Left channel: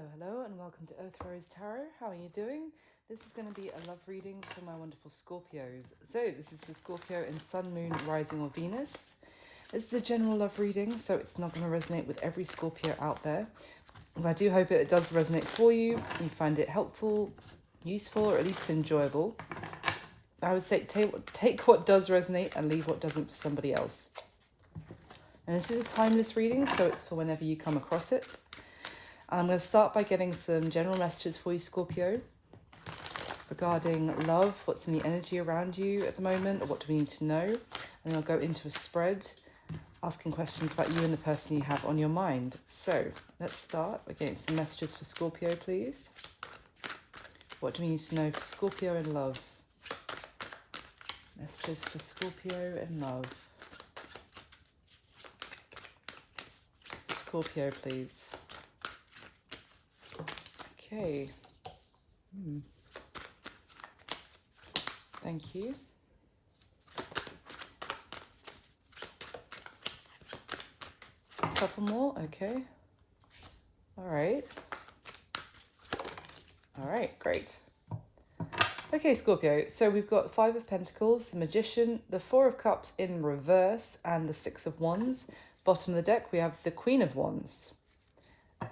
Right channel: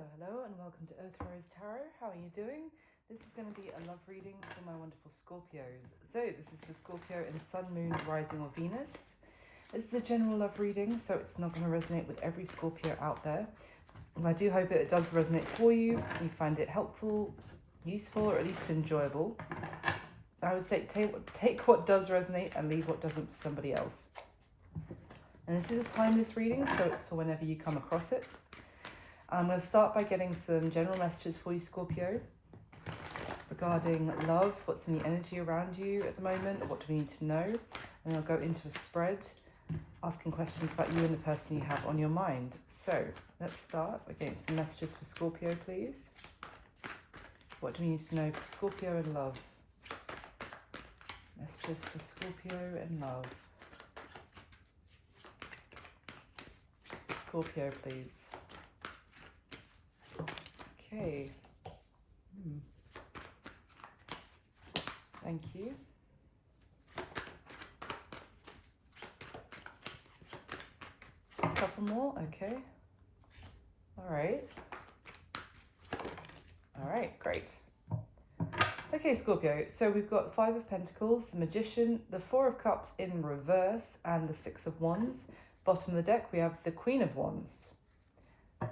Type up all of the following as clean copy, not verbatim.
Hello, and welcome to Earth Rose Tarot. How are you doing? This is going to be a love reading for my wonderful Scorpios. So this is for Scorpio in Sun, Moon, Rising or Venus. This is a general love reading, so it's not going to resonate with every Scorpio out there. But I do hope it does resonate for you. You find it helpful, useful, or at least enjoyable. I would say take what does resonate and leave what doesn't for somebody else. And this is a timeless reading, so it's for whenever you come across it. I'm going to start by giving some general messages for you, Scorpio, regarding love, what's in the energy around you at the moment, what do we need to know, and then I'll go into a spread, asking questions about you and the person you have on your mind. So let's start by getting some messages for Scorpio, please. What do we need to know for Scorpio in love? Messages for Scorpio in love. Scorpio, please. Okay. Thank you. A couple more. Okay. All right. All right. Great. Okay, Scorpio. So we've got Five of Pentacles, the Magician, the Four of Cups in reverse, and the Six of Wands. Bottom of the deck, we have the Queen of Wands.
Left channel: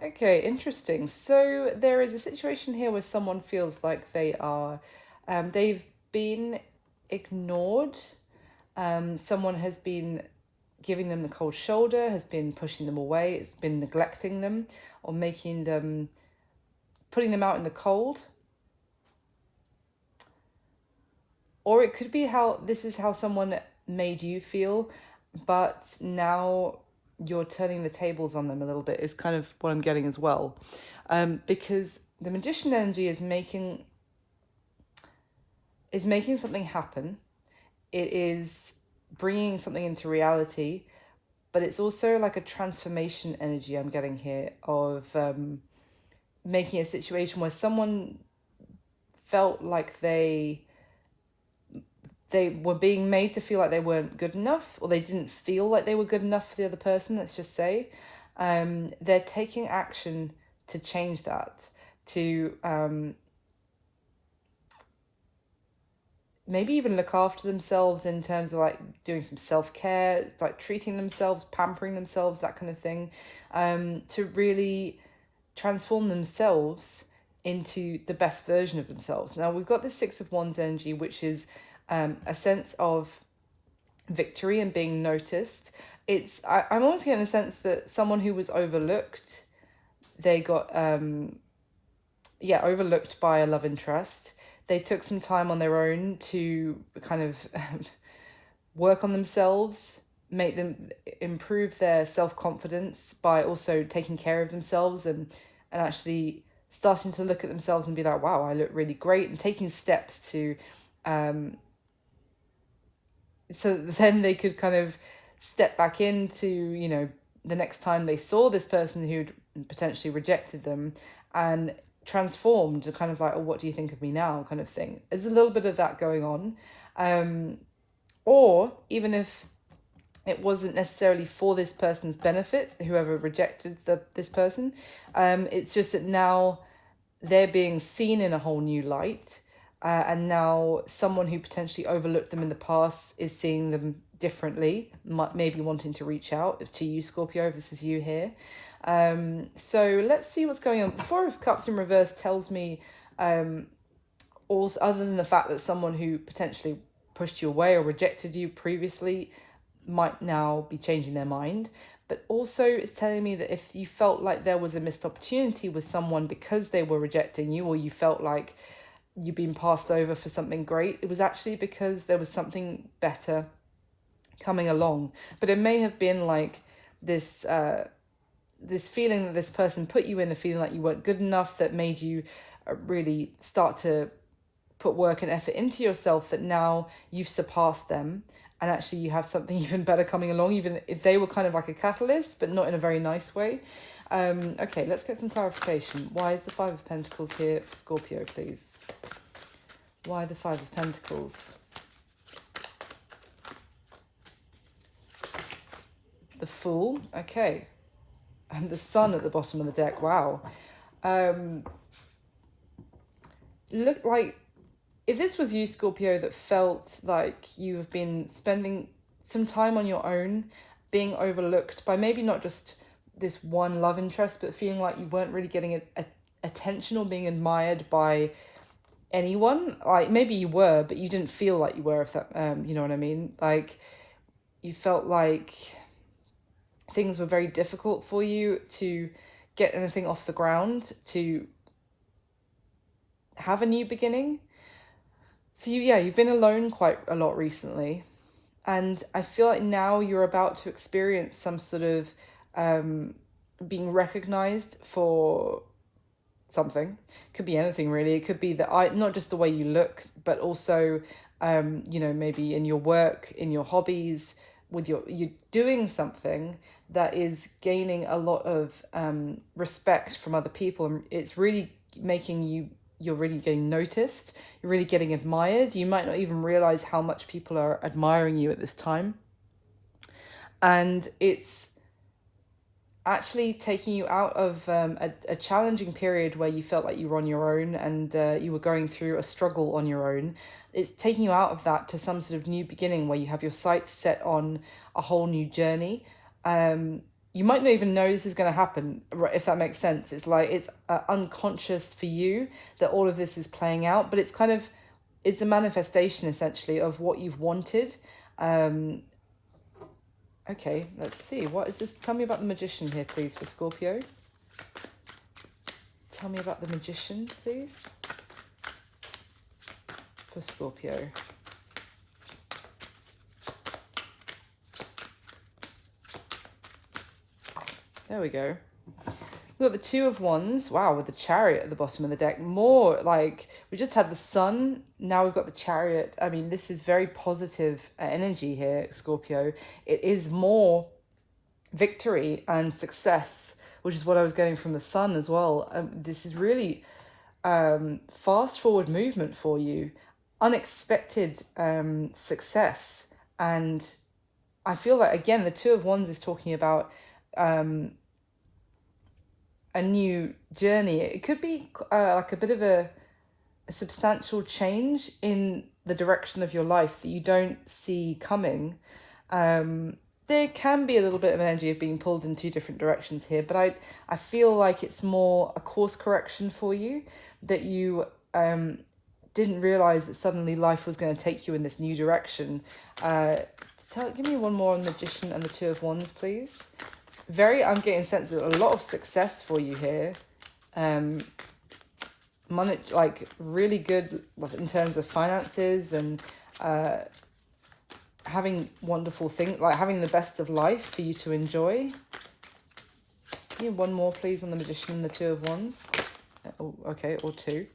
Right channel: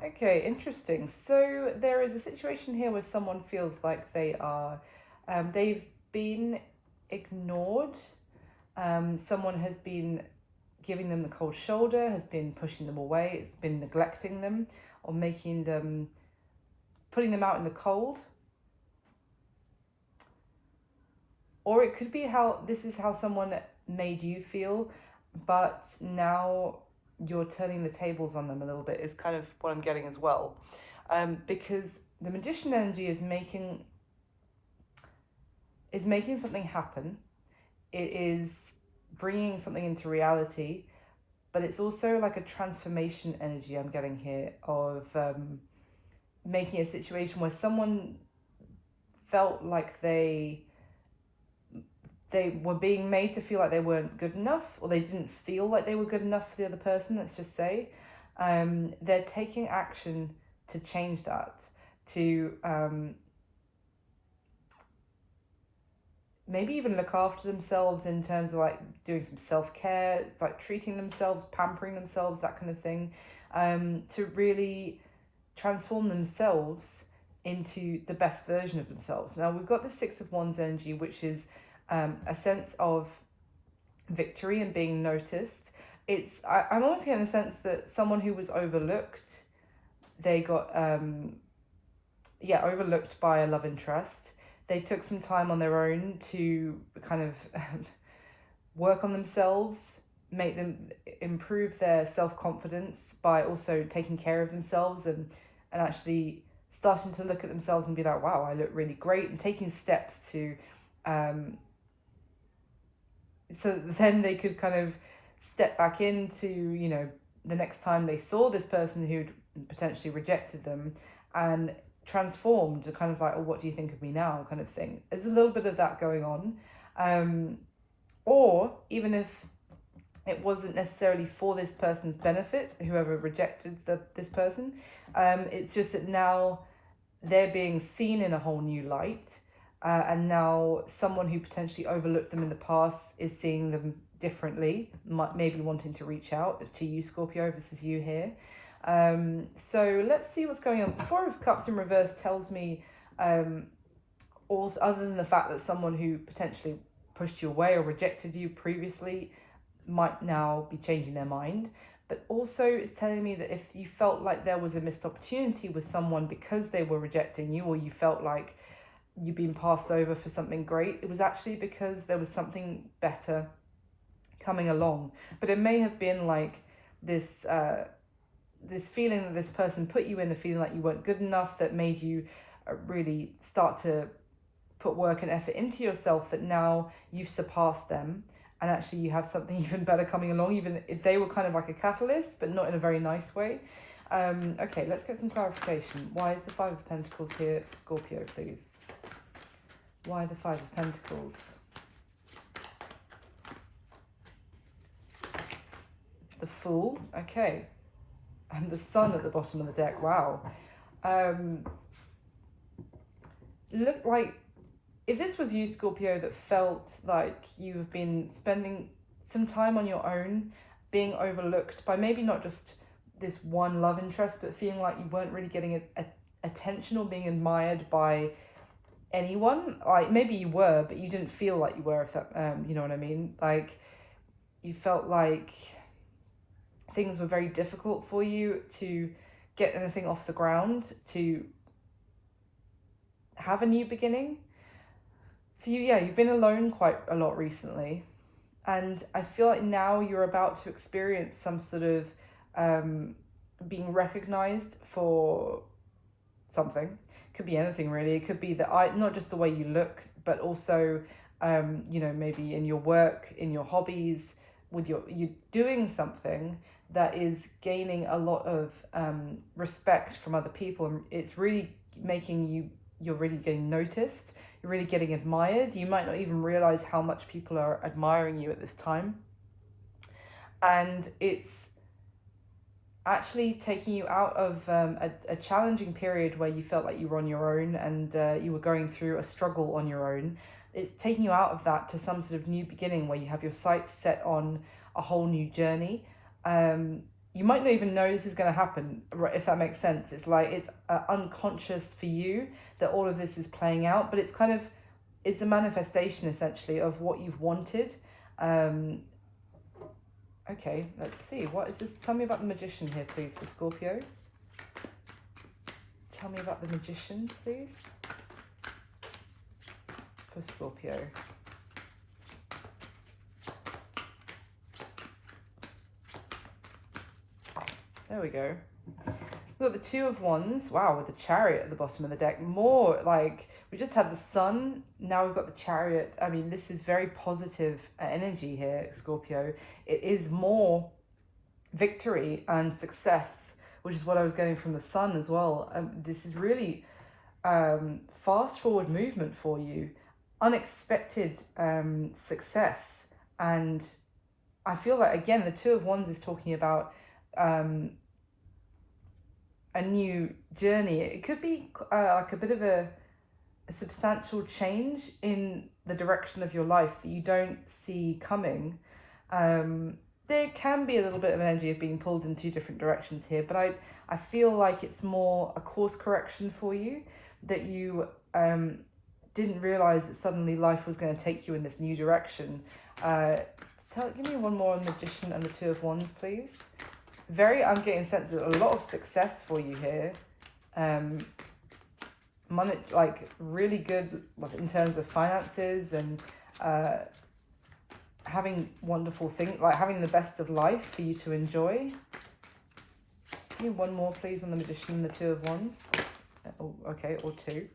Okay, interesting. So there is a situation here where someone feels like they are, they've been ignored. Someone has been giving them the cold shoulder, has been pushing them away, has been neglecting them, or making them, putting them out in the cold. Or it could be how this is how someone made you feel, but now you're turning the tables on them a little bit, is kind of what I'm getting as well. Because the Magician energy is making something happen. It is bringing something into reality, but it's also like a transformation energy I'm getting here of making a situation where someone felt like they were being made to feel like they weren't good enough, or they didn't feel like they were good enough for the other person, let's just say. They're taking action to change that, to maybe even look after themselves in terms of like doing some self-care, like treating themselves, pampering themselves, that kind of thing, to really transform themselves into the best version of themselves. Now we've got the Six of Wands energy, which is a sense of victory and being noticed. I'm almost getting a sense that someone who was overlooked, they got overlooked by a love interest. They took some time on their own to kind of work on themselves, make them improve their self-confidence by also taking care of themselves and actually starting to look at themselves and be like, wow, I look really great, and taking steps to so then they could kind of step back into, you know, the next time they saw this person who'd potentially rejected them, and transformed to kind of like, oh, what do you think of me now, kind of thing. There's a little bit of that going on. Or even if it wasn't necessarily for this person's benefit, whoever rejected this person, it's just that now they're being seen in a whole new light. And now someone who potentially overlooked them in the past is seeing them differently, maybe wanting to reach out to you, Scorpio, if this is you here. So let's see what's going on. The Four of Cups in reverse tells me, also, other than the fact that someone who potentially pushed you away or rejected you previously might now be changing their mind, but also it's telling me that if you felt like there was a missed opportunity with someone because they were rejecting you, or you felt like you've been passed over for something great, it was actually because there was something better coming along. But it may have been like this this feeling that this person put you in, a feeling like you weren't good enough, that made you really start to put work and effort into yourself, that now you've surpassed them and actually you have something even better coming along, even if they were kind of like a catalyst, but not in a very nice way. Okay, let's get some clarification. Why is the Five of Pentacles here for Scorpio, please? Why the Five of Pentacles? The Fool, okay. And the Sun at the bottom of the deck, wow. Look like, if this was you, Scorpio, that felt like you have been spending some time on your own, being overlooked by maybe not just this one love interest, but feeling like you weren't really getting attention or being admired by anyone. Like, maybe you were, but you didn't feel like you were, if that, you know what I mean? Like, you felt like things were very difficult for you to get anything off the ground, to have a new beginning. So you've been alone quite a lot recently, and I feel like now you're about to experience some sort of being recognized for something. Could be anything really. It could be that not just the way you look, but also maybe in your work, in your hobbies, with you're doing something that is gaining a lot of respect from other people, and it's really making you're really getting noticed, you're really getting admired. You might not even realize how much people are admiring you at this time, and it's actually taking you out of a challenging period where you felt like you were on your own, and you were going through a struggle on your own. It's taking you out of that to some sort of new beginning where you have your sights set on a whole new journey. You might not even know this is going to happen, if that makes sense. It's like it's unconscious for you that all of this is playing out, but it's a manifestation essentially of what you've wanted. Okay, let's see. What is this? Tell me about the Magician here, please, for Scorpio. Tell me about the Magician, please, for Scorpio. There we go. We've got the Two of Wands. Wow, with the Chariot at the bottom of the deck. More like, we just had the Sun. Now we've got the Chariot. I mean, this is very positive energy here, Scorpio. It is more victory and success, which is what I was going from the Sun as well. This is really fast forward movement for you. Unexpected success. And I feel like, again, the Two of Wands is talking about a new journey. It could be like a bit of a substantial change in the direction of your life that you don't see coming. There can be a little bit of energy of being pulled in two different directions here, but I feel like it's more a course correction for you, that you didn't realize that suddenly life was going to take you in this new direction. Give me one more on the Magician and the Two of Wands, please. I'm getting a sense of a lot of success for you here. Money, like really good in terms of finances, and having wonderful things, like having the best of life for you to enjoy. Give me one more, please, on the Magician and the Two of Wands. Oh, okay, or two.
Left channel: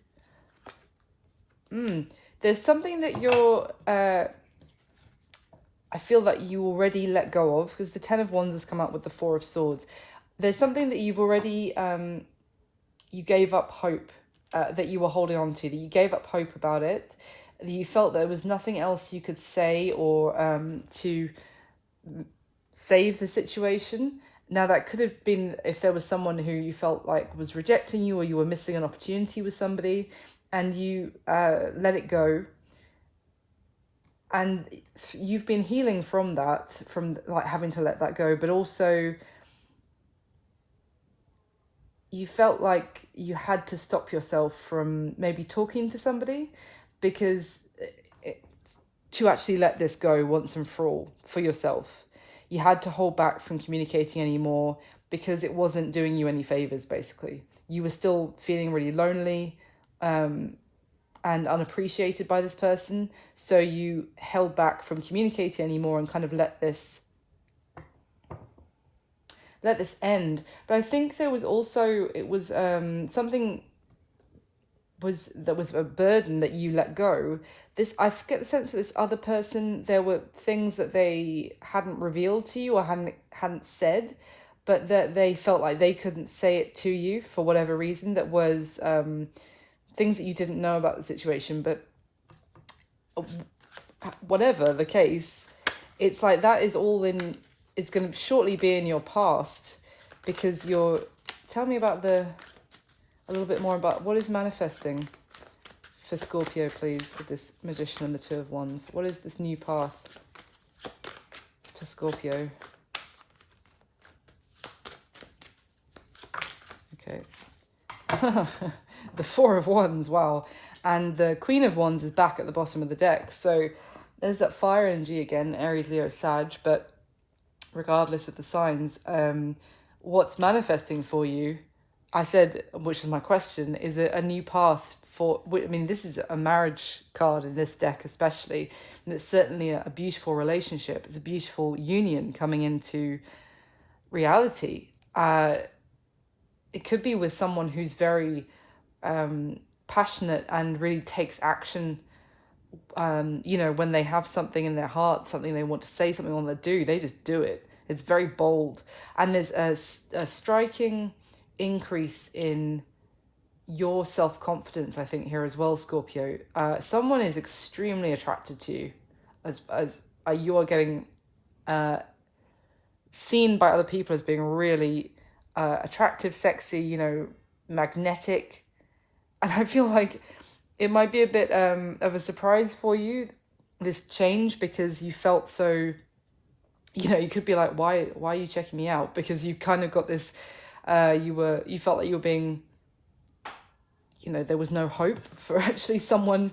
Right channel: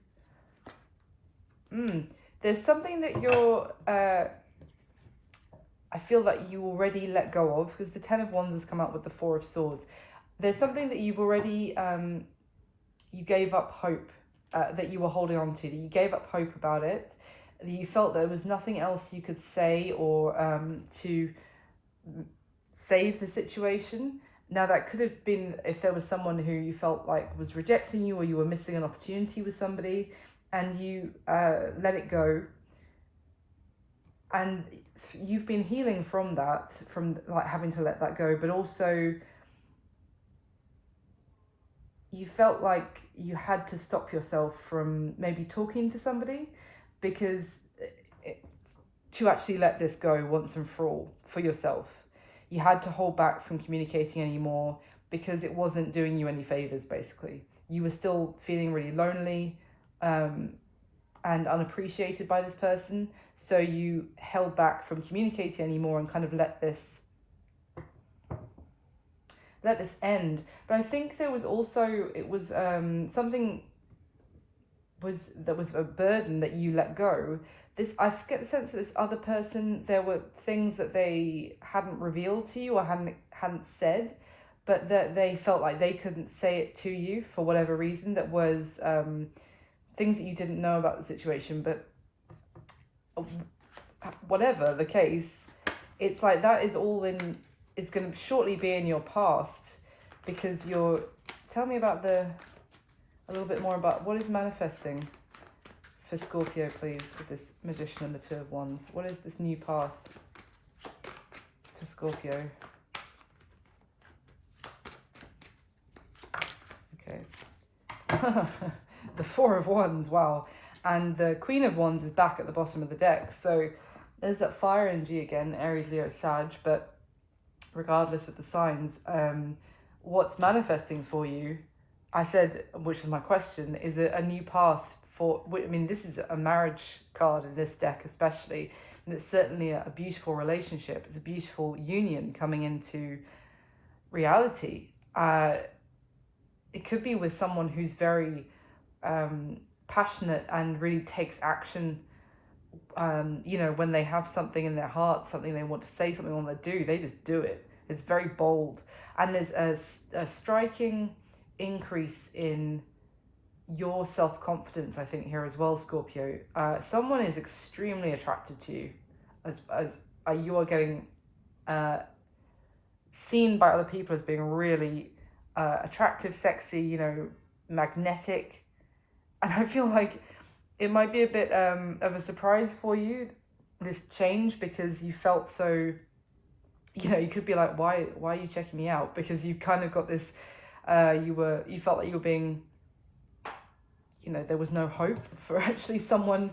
There's something that you're... I feel that you already let go of, because the Ten of Wands has come out with the Four of Swords. There's something that you've already, you gave up hope, that you were holding on to, that you gave up hope about it, that you felt there was nothing else you could say or to save the situation. Now, that could have been if there was someone who you felt like was rejecting you, or you were missing an opportunity with somebody, and you let it go. And you've been healing from that, from like having to let that go, but also you felt like you had to stop yourself from maybe talking to somebody, because to actually let this go once and for all for yourself, you had to hold back from communicating anymore, because it wasn't doing you any favors. Basically, you were still feeling really lonely, and unappreciated by this person, so you held back from communicating anymore and kind of let this end. But I think there was also, it was something that was a burden that you let go. I get the sense that this other person, there were things that they hadn't revealed to you or hadn't said, but that they felt like they couldn't say it to you for whatever reason. That was things that you didn't know about the situation. But whatever the case, it's like that is all in, it's going to shortly be in your past, because tell me about the a little bit more about what is manifesting for Scorpio, please, with this Magician and the Two of Wands. What is this new path for Scorpio? Okay. The Four of Wands, wow. And the Queen of Wands is back at the bottom of the deck. So there's that fire energy again, Aries, Leo, Sag, but regardless of the signs, what's manifesting for you, I said, which is my question, is it a new path for, I mean, this is a marriage card in this deck especially, and it's certainly a beautiful relationship. It's a beautiful union coming into reality. It could be with someone who's very passionate and really takes action. You know, when they have something in their heart, something they want to say, something they want to do, they just do it. It's very bold. And there's a striking increase in your self-confidence, I think, here as well, Scorpio. Someone is extremely attracted to you as you are getting seen by other people as being really attractive, sexy, you know, magnetic. And I feel like it might be a bit of a surprise for you, this change, because you felt so, you know, you could be like, why are you checking me out? Because you kind of got this, you felt like you were being, you know, there was no hope for actually someone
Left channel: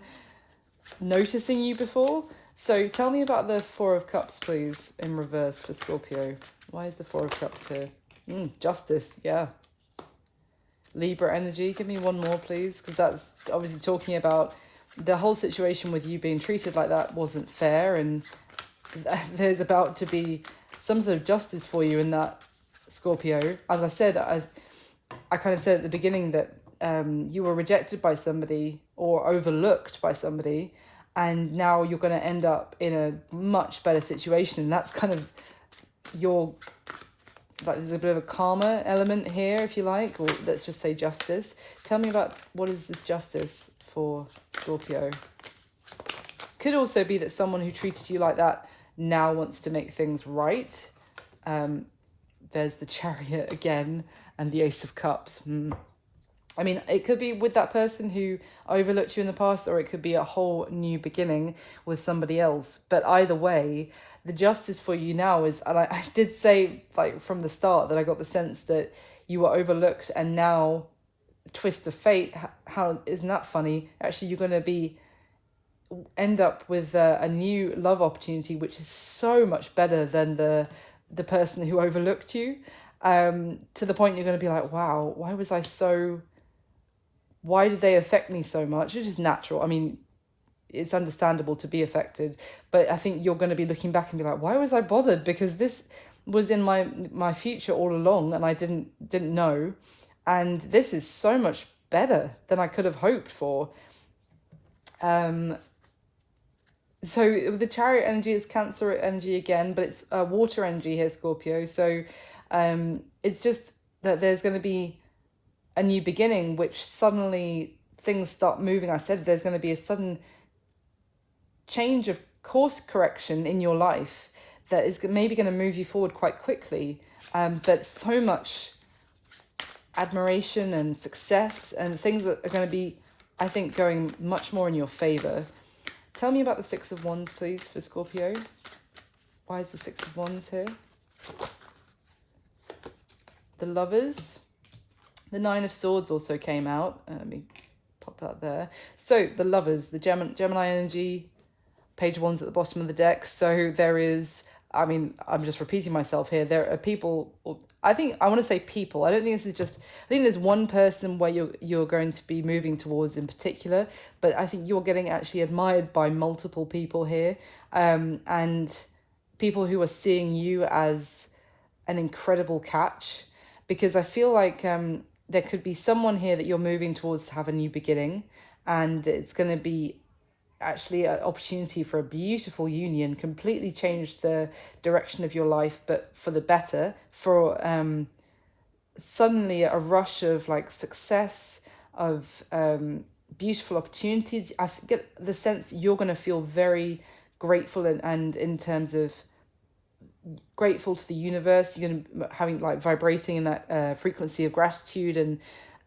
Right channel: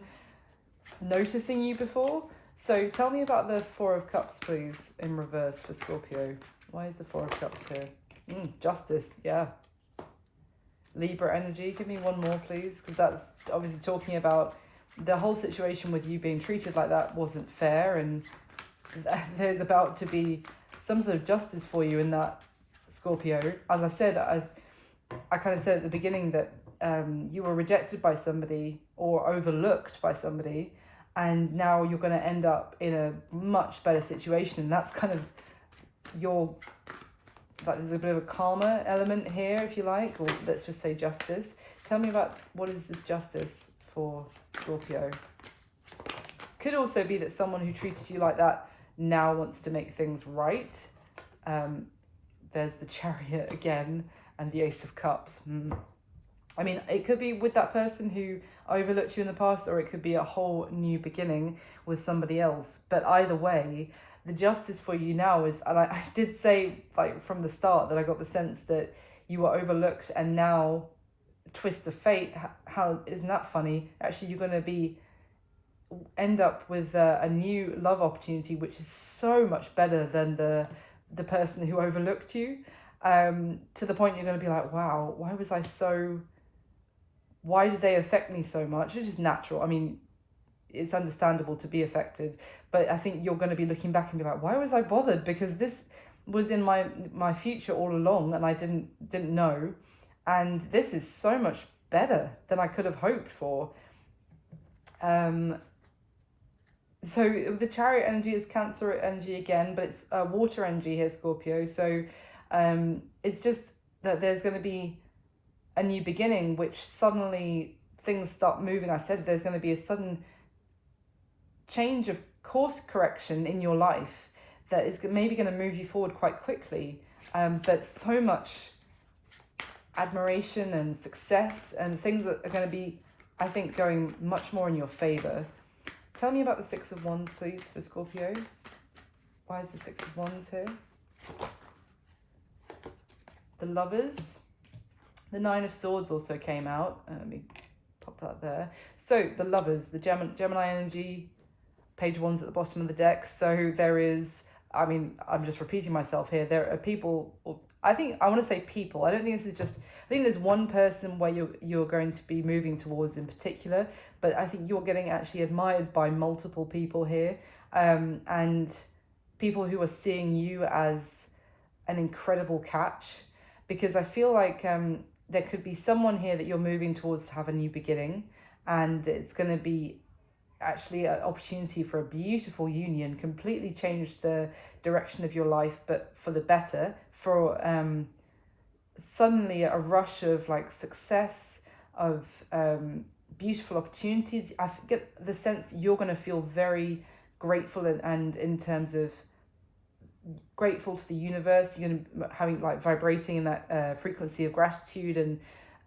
noticing you before. So tell me about the Four of Cups, please, in reverse for Scorpio. Why is the Four of Cups here? Justice, yeah. Libra energy, give me one more, please, because that's obviously talking about the whole situation with you being treated like that wasn't fair, and there's about to be some sort of justice for you in that, Scorpio. As I said, I kind of said at the beginning that you were rejected by somebody or overlooked by somebody, and now you're going to end up in a much better situation, and that's kind of your, like, there's a bit of a karma element here, if you like, or let's just say justice. Tell me about what is this justice for Scorpio. Could also be that someone who treated you like that now wants to make things right. There's the Chariot again and the Ace of Cups. I mean, it could be with that person who overlooked you in the past, or it could be a whole new beginning with somebody else. But either way, the justice for you now is, and I did say, like, from the start that I got the sense that you were overlooked, and now, twist of fate, how isn't that funny? Actually, you're going to end up with a new love opportunity, which is so much better than the person who overlooked you, to the point you're going to be like, wow, why did they affect me so much? Which is natural. I mean, it's understandable to be affected, but I think you're going to be looking back and be like, why was I bothered? Because this was in my future all along, and I didn't know, and this is so much better than I could have hoped for. So the Chariot energy is Cancer energy again, but it's water energy here, Scorpio. So it's just that there's going to be a new beginning, which suddenly things start moving. I said there's going to be a sudden change of course correction in your life that is maybe going to move you forward quite quickly, but so much admiration and success and things that are going to be, I think, going much more in your favor. Tell me about the Six of Wands, please, for Scorpio. Why is the Six of Wands here? The Lovers. The Nine of Swords also came out. Let me pop that there. So the Lovers, the Gemini energy, Page of Wands at the bottom of the deck. So there is, I mean, I'm just repeating myself here. There are people, I want to say people. I don't think this is just, I think there's one person where you're going to be moving towards in particular, but I think you're getting actually admired by multiple people here, and people who are seeing you as an incredible catch, because I feel like there could be someone here that you're moving towards to have a new beginning, and it's going to be actually an opportunity for a beautiful union, completely change the direction of your life, but for the better, for suddenly a rush of like success, of beautiful opportunities. I get the sense you're going to feel very grateful, and in terms of grateful to the universe, you're going to having like vibrating in that frequency of gratitude, and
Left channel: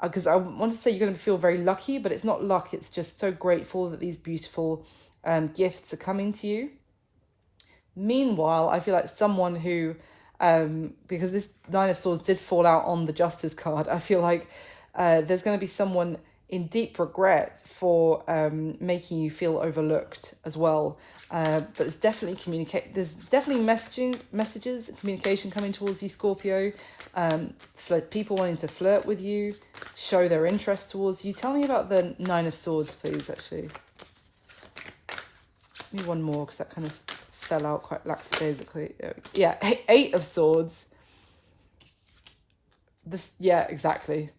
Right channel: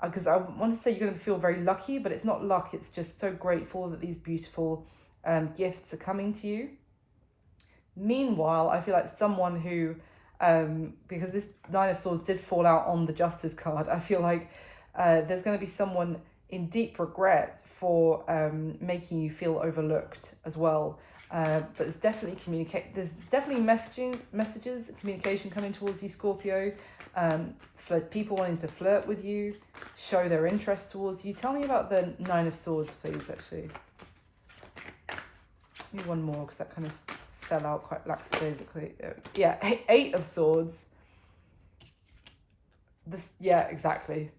because I want to say you're going to feel very lucky, but it's not luck. It's just so grateful that these beautiful gifts are coming to you. Meanwhile, I feel like someone who, because this Nine of Swords did fall out on the Justice card, I feel like there's going to be someone in deep regret for making you feel overlooked as well. But there's definitely messages, communication coming towards you, Scorpio. People wanting to flirt with you, show their interest towards you. Tell me about the Nine of Swords, please, actually. Maybe one more, because that kind of fell out quite lackadaisically. Yeah, Eight of Swords. Yeah, exactly.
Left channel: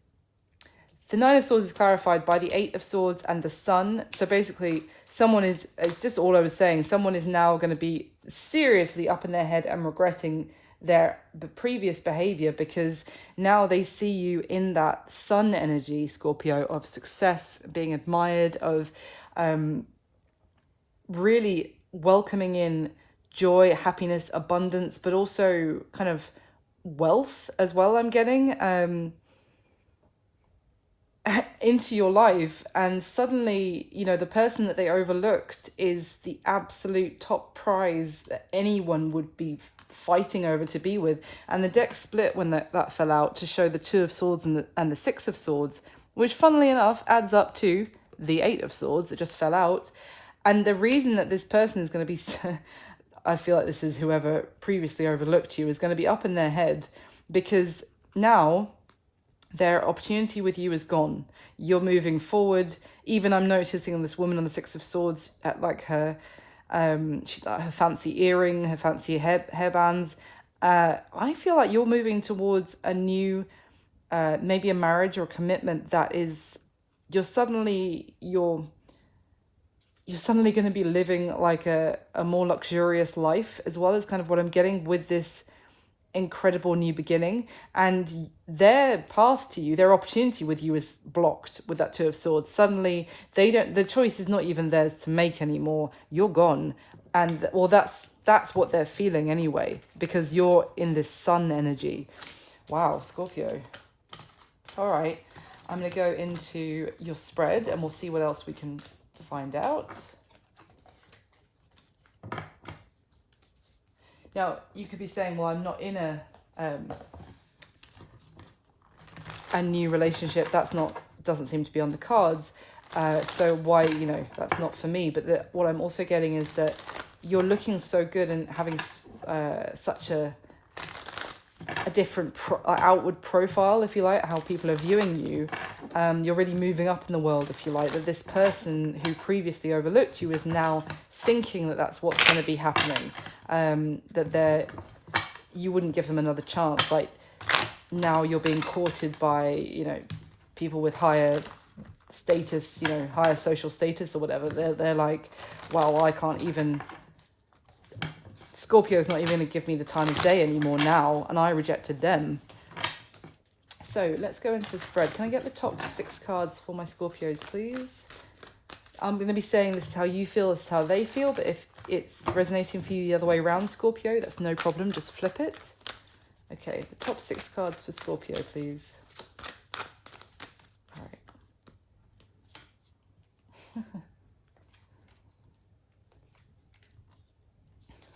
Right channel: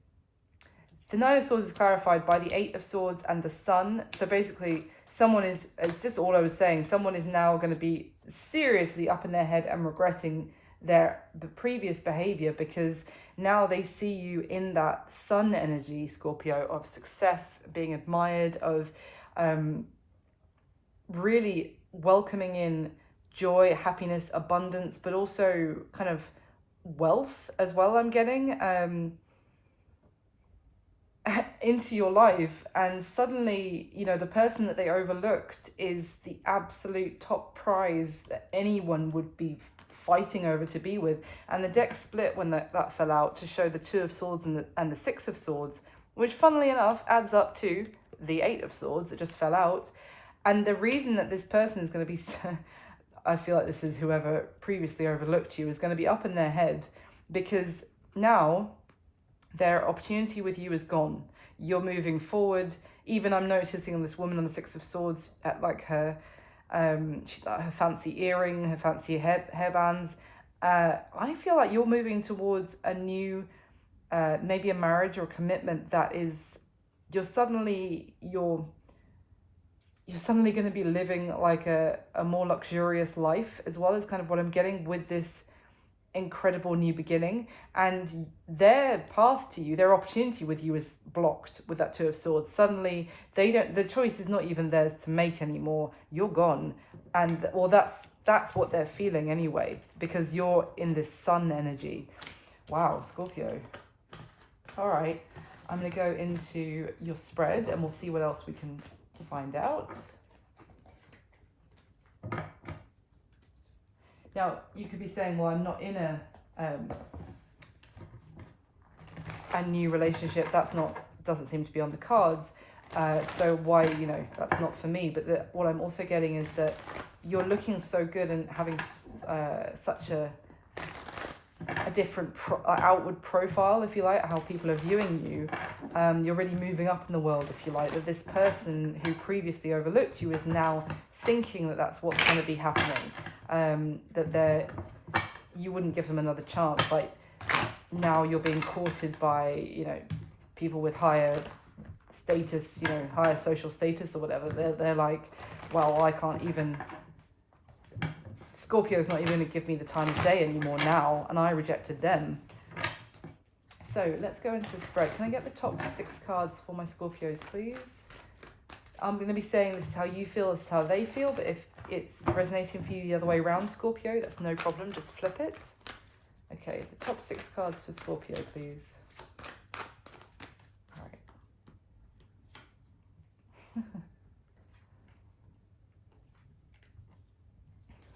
The Nine of Swords is clarified by the Eight of Swords and the Sun. So basically, it's just all I was saying, someone is now going to be seriously up in their head and regretting their previous behavior, because now they see you in that Sun energy, Scorpio, of success, being admired, of really welcoming in joy, happiness, abundance, but also kind of wealth as well, I'm getting. Into your life, and suddenly, you know, the person that they overlooked is the absolute top prize that anyone would be fighting over to be with. And the deck split when that fell out to show the Two of Swords and the Six of Swords, which funnily enough adds up to the Eight of Swords that just fell out. And the reason that this person is going to be I feel like this is whoever previously overlooked you, is going to be up in their head, because now their opportunity with you is gone. You're moving forward. Even I'm noticing this woman on the Six of Swords at like her fancy earring, her fancy hairbands. I feel like you're moving towards a new, maybe a marriage or a commitment that is, you're suddenly going to be living like a more luxurious life, as well, as kind of what I'm getting with this incredible new beginning. And their path to you, their opportunity with you, is blocked with that Two of Swords. Suddenly the choice is not even theirs to make anymore. You're gone. And well, that's what they're feeling anyway, because you're in this Sun energy. Wow, Scorpio. All right, I'm going to go into your spread and we'll see what else we can find out. Now, you could be saying, well, I'm not in a new relationship. Doesn't seem to be on the cards. So why, that's not for me. But what I'm also getting is that you're looking so good and having such a different outward profile, if you like, how people are viewing you. You're really moving up in the world, if you like, that this person who previously overlooked you is now thinking that that's what's going to be happening. That you wouldn't give them another chance. Like, now you're being courted by, people with higher status, higher social status or whatever. They're like, well, I can't even, Scorpio's not even going to give me the time of day anymore now, and I rejected them. So let's go into the spread. Can I get the top 6 cards for my Scorpios, please? I'm going to be saying this is how you feel, this is how they feel, but if it's resonating for you the other way around, Scorpio, that's no problem, just flip it. Okay, the top 6 cards for Scorpio, please. All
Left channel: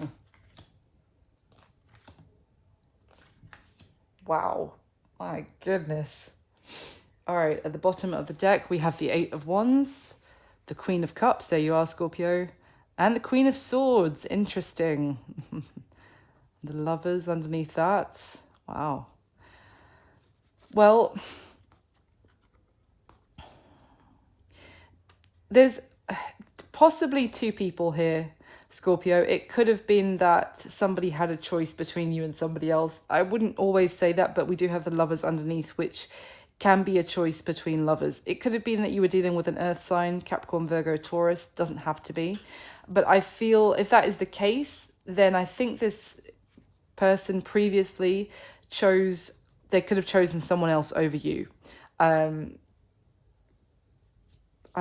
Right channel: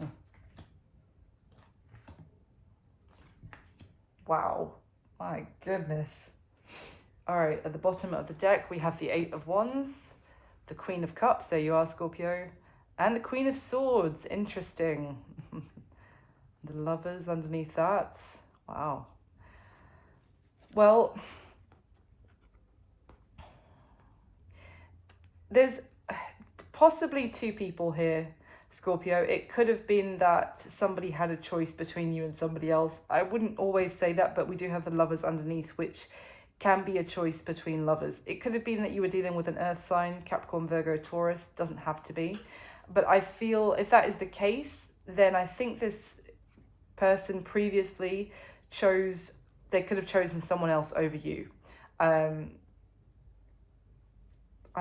right. Wow, my goodness. All right, at the bottom of the deck, we have the 8 of Wands, the Queen of Cups, there you are, Scorpio, and the Queen of Swords. Interesting. The Lovers underneath that. Wow. Well, there's possibly 2 people here, Scorpio. It could have been that somebody had a choice between you and somebody else. I wouldn't always say that, but we do have the Lovers underneath, which can be a choice between lovers. It could have been that you were dealing with an earth sign, Capricorn, Virgo, Taurus. Doesn't have to be. But I feel if that is the case, then I think this person previously they could have chosen someone else over you. I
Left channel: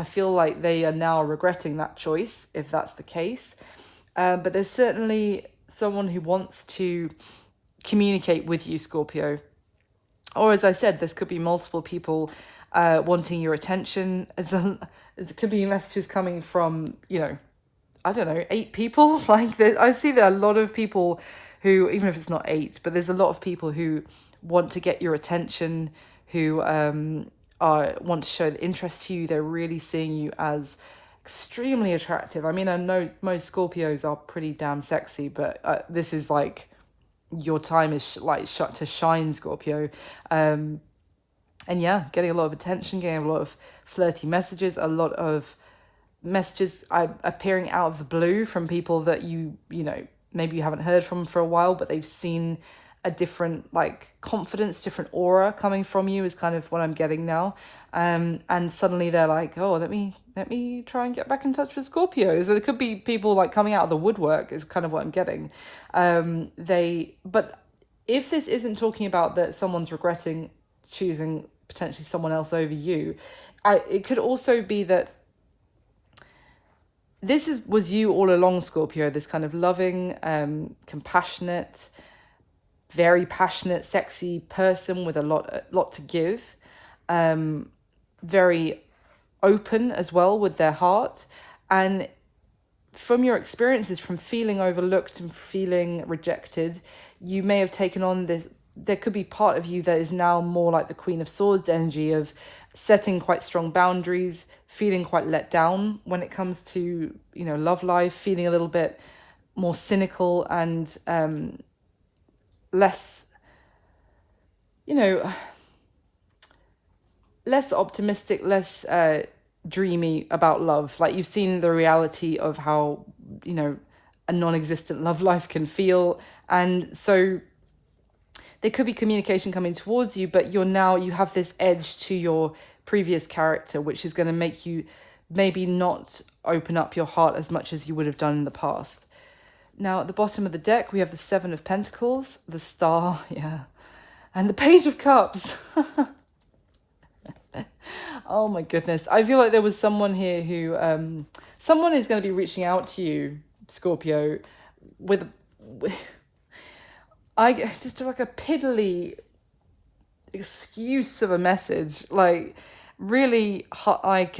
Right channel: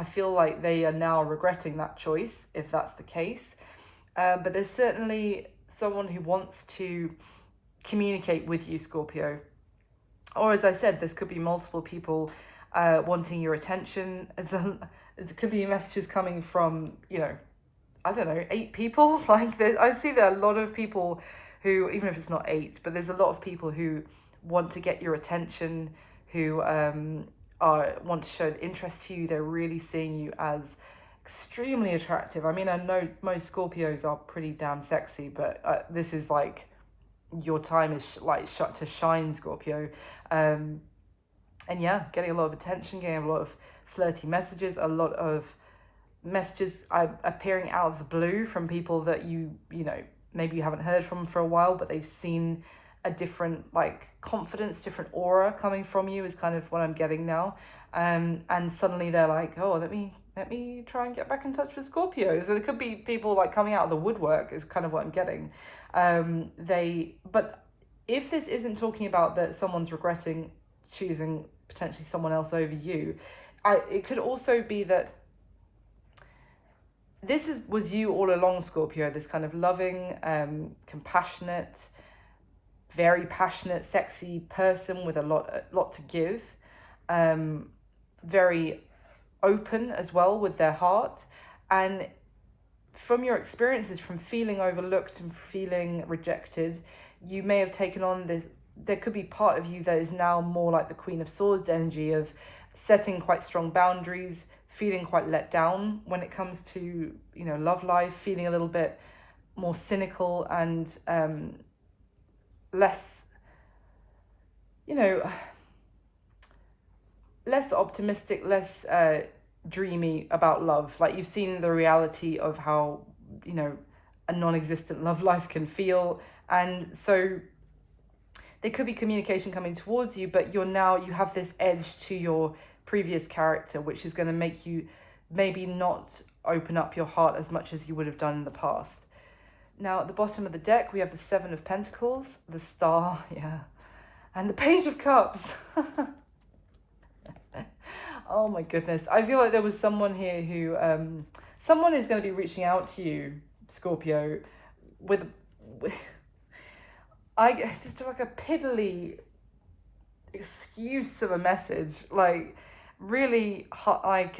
feel like they are now regretting that choice, if that's the case. But there's certainly someone who wants to communicate with you, Scorpio. Or as I said, this could be multiple people wanting your attention. It could be messages coming from, you know, I don't know, 8 people. Like, I see there are a lot of people who, even if it's not 8, but there's a lot of people who want to get your attention, who want to show the interest to you. They're really seeing you as extremely attractive. I mean, I know most Scorpios are pretty damn sexy, but this is like your time is shut to shine, Scorpio. And yeah, getting a lot of attention, getting a lot of flirty messages, a lot of messages appearing out of the blue from people that you know, maybe you haven't heard from for a while, but they've seen a different like confidence, different aura coming from you is kind of what I'm getting now. And suddenly they're like, oh, let me try and get back in touch with Scorpio. So it could be people like coming out of the woodwork is kind of what I'm getting. But if this isn't talking about that someone's regretting choosing potentially someone else over you, it could also be that this was you all along, Scorpio, this kind of loving, compassionate, very passionate, sexy person with a lot to give, very open as well with their heart. And from your experiences, from feeling overlooked and feeling rejected, you may have taken on this. There could be part of you that is now more like the Queen of Swords energy of setting quite strong boundaries, feeling quite let down when it comes to, you know, love life, feeling a little bit more cynical and less, you know, less optimistic, less dreamy about love. Like, you've seen the reality of how, you know, a non-existent love life can feel. And so there could be communication coming towards you, but you have this edge to your previous character, which is going to make you maybe not open up your heart as much as you would have done in the past. Now, at the bottom of the deck, we have the 7 of Pentacles, the Star, yeah, and the Page of Cups. Oh my goodness. I feel like there was someone here who, someone is going to be reaching out to you, Scorpio, with I just like a piddly excuse of a message, like really hot, like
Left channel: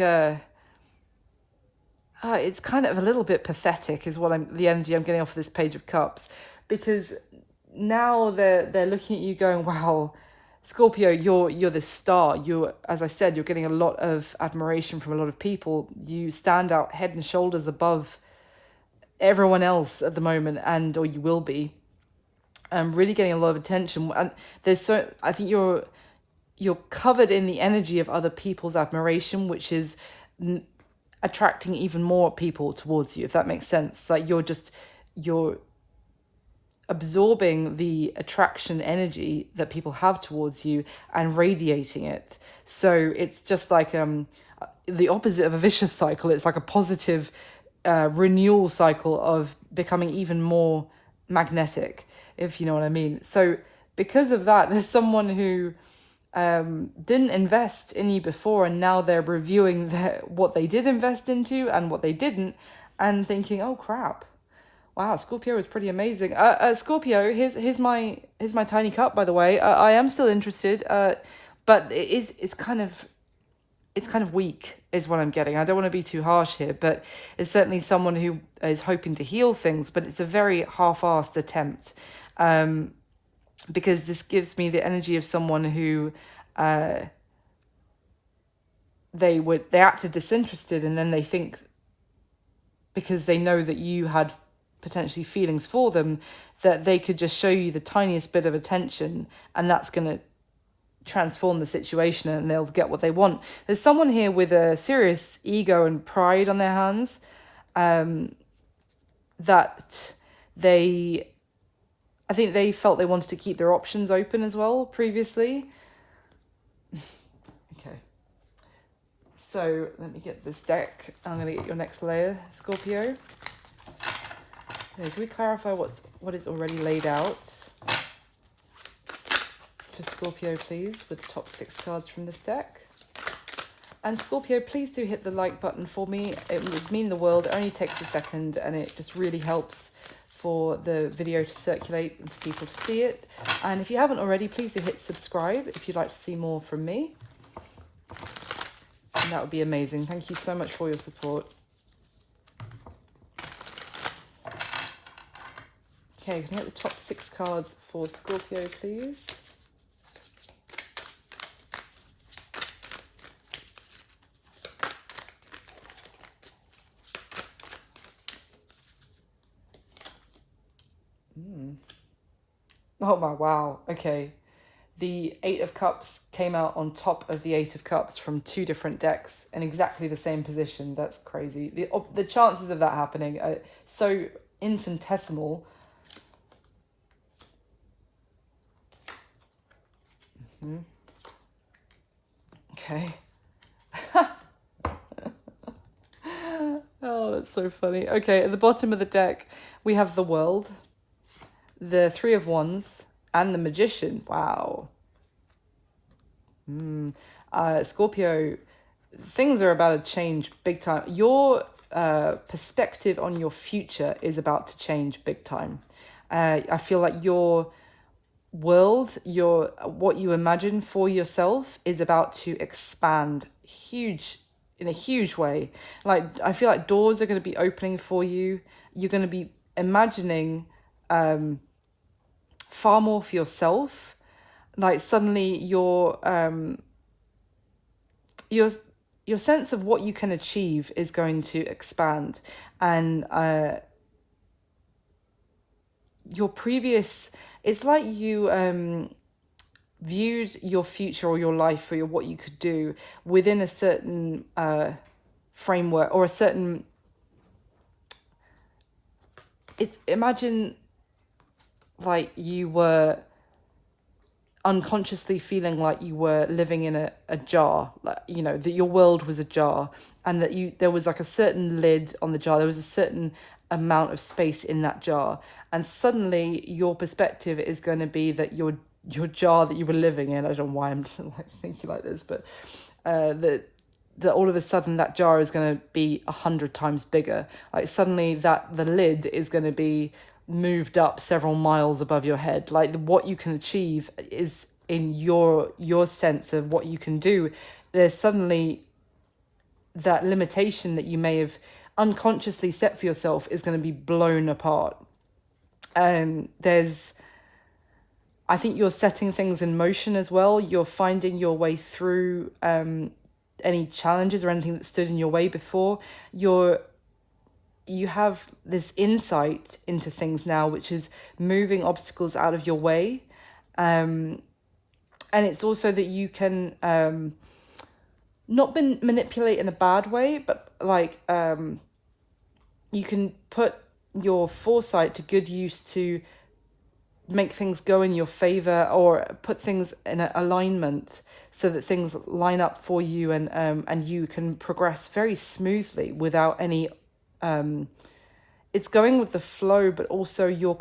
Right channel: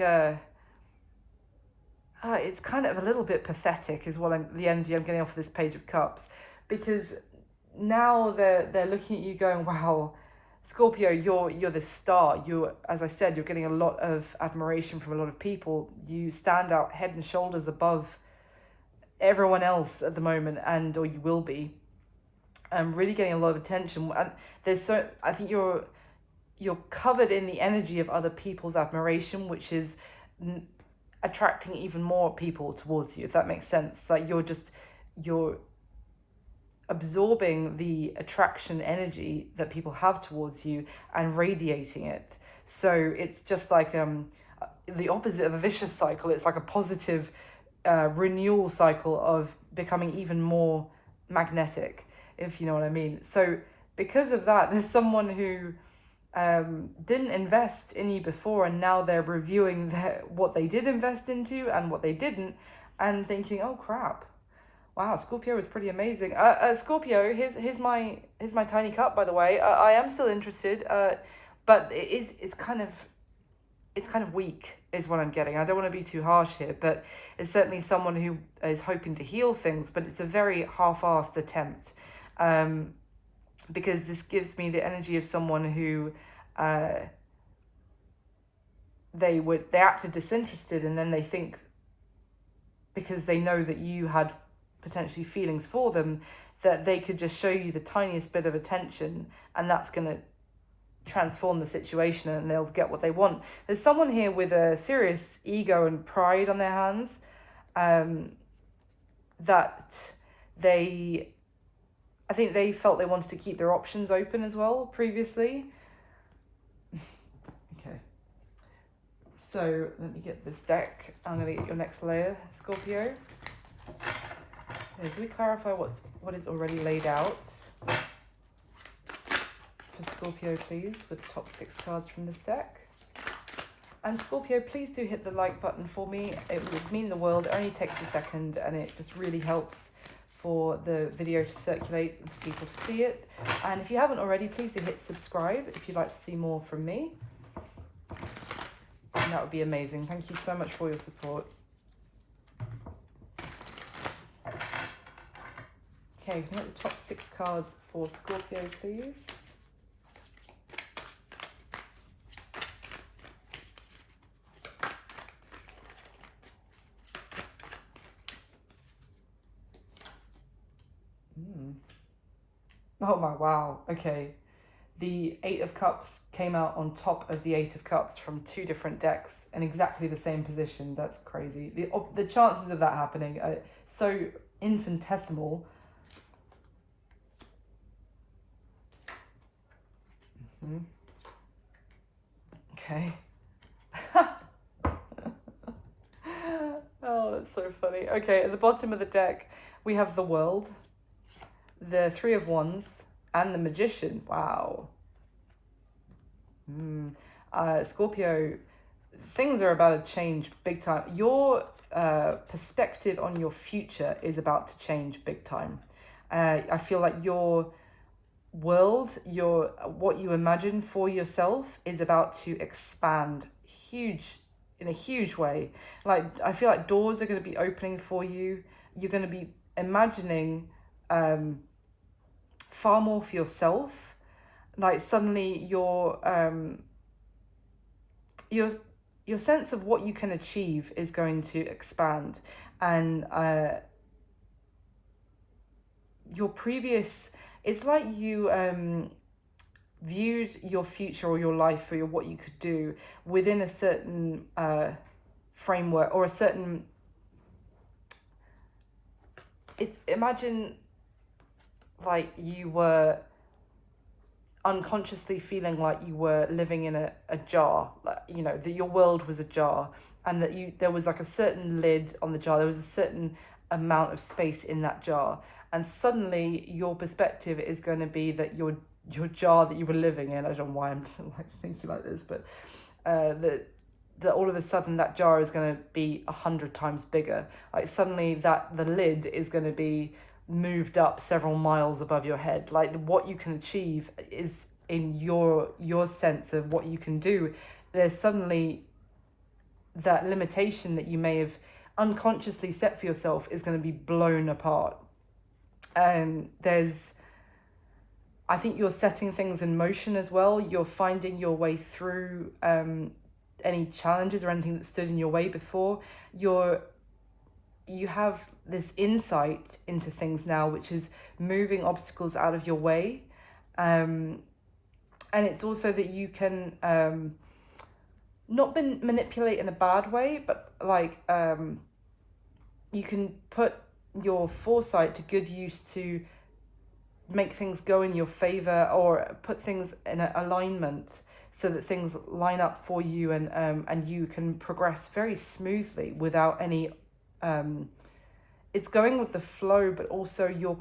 it's kind of a little bit pathetic is the energy I'm getting off of this Page of Cups, because now they're looking at you going, wow, Scorpio, you're this star. As I said, you're getting a lot of admiration from a lot of people. You stand out head and shoulders above everyone else at the moment, or you will be. Really getting a lot of attention, and I think you're covered in the energy of other people's admiration, which is attracting even more people towards you, if that makes sense. Like, you're absorbing the attraction energy that people have towards you and radiating it. So it's just like the opposite of a vicious cycle. It's like a positive renewal cycle of becoming even more magnetic, if you know what I mean. So because of that, there's someone who didn't invest in you before, and now they're reviewing what they did invest into and what they didn't, and thinking, oh crap, wow, Scorpio is pretty amazing. Scorpio, here's my tiny cup, by the way. I am still interested, but it's kind of weak is what I'm getting. I don't want to be too harsh here, but it's certainly someone who is hoping to heal things, but it's a very half-assed attempt. Because this gives me the energy of someone who they acted disinterested, and then they think, because they know that you had potentially feelings for them, that they could just show you the tiniest bit of attention, and that's going to transform the situation and they'll get what they want. There's someone here with a serious ego and pride on their hands, that I think they felt they wanted to keep their options open as well previously. Okay. So let me get this deck. I'm going to get your next layer, Scorpio. So can we clarify what is already laid out for Scorpio, please, with the top 6 cards from this deck? And Scorpio, please do hit the like button for me. It would mean the world. It only takes a second, and it just really helps for the video to circulate and for people to see it. And if you haven't already, please do hit subscribe if you'd like to see more from me. That would be amazing. Thank you so much for your support. Okay, can I get the top 6 cards for Scorpio, please? Oh my, wow. Okay. The 8 of Cups came out on top of the 8 of Cups from 2 different decks in exactly the same position. That's crazy. The chances of that happening are so infinitesimal. Okay. Oh, that's so funny. Okay, at the bottom of the deck, we have the World, the 3 of Wands, and the Magician. Wow. Scorpio, things are about to change big time. Your perspective on your future is about to change big time. I feel like your world, what you imagine for yourself is about to expand in a huge way. Like, I feel like doors are going to be opening for you. You're going to be imagining far more for yourself. Like, suddenly your sense of what you can achieve is going to expand, and your previous, it's like you viewed your future or your life or what you could do within a certain framework or a certain, imagine like you were unconsciously feeling like you were living in a jar, like, you know, that your world was a jar, and that there was like a certain lid on the jar, there was a certain amount of space in that jar, and suddenly your perspective is going to be that your jar that you were living in, I don't know why I'm like thinking like this, but that all of a sudden that jar is going to be 100 times bigger. Like, suddenly that the lid is going to be moved up several miles above your head. Like, what you can achieve is in your sense of what you can do. There's suddenly that limitation that you may have unconsciously set for yourself is going to be blown apart. I think you're setting things in motion as well. You're finding your way through any challenges or anything that stood in your way before. You have this insight into things now, which is moving obstacles out of your way. And it's also that you can not manipulate in a bad way, but like you can put your foresight to good use to make things go in your favor, or put things in an alignment so that things line up for you, and you can progress very smoothly without any it's going with the flow, but also you're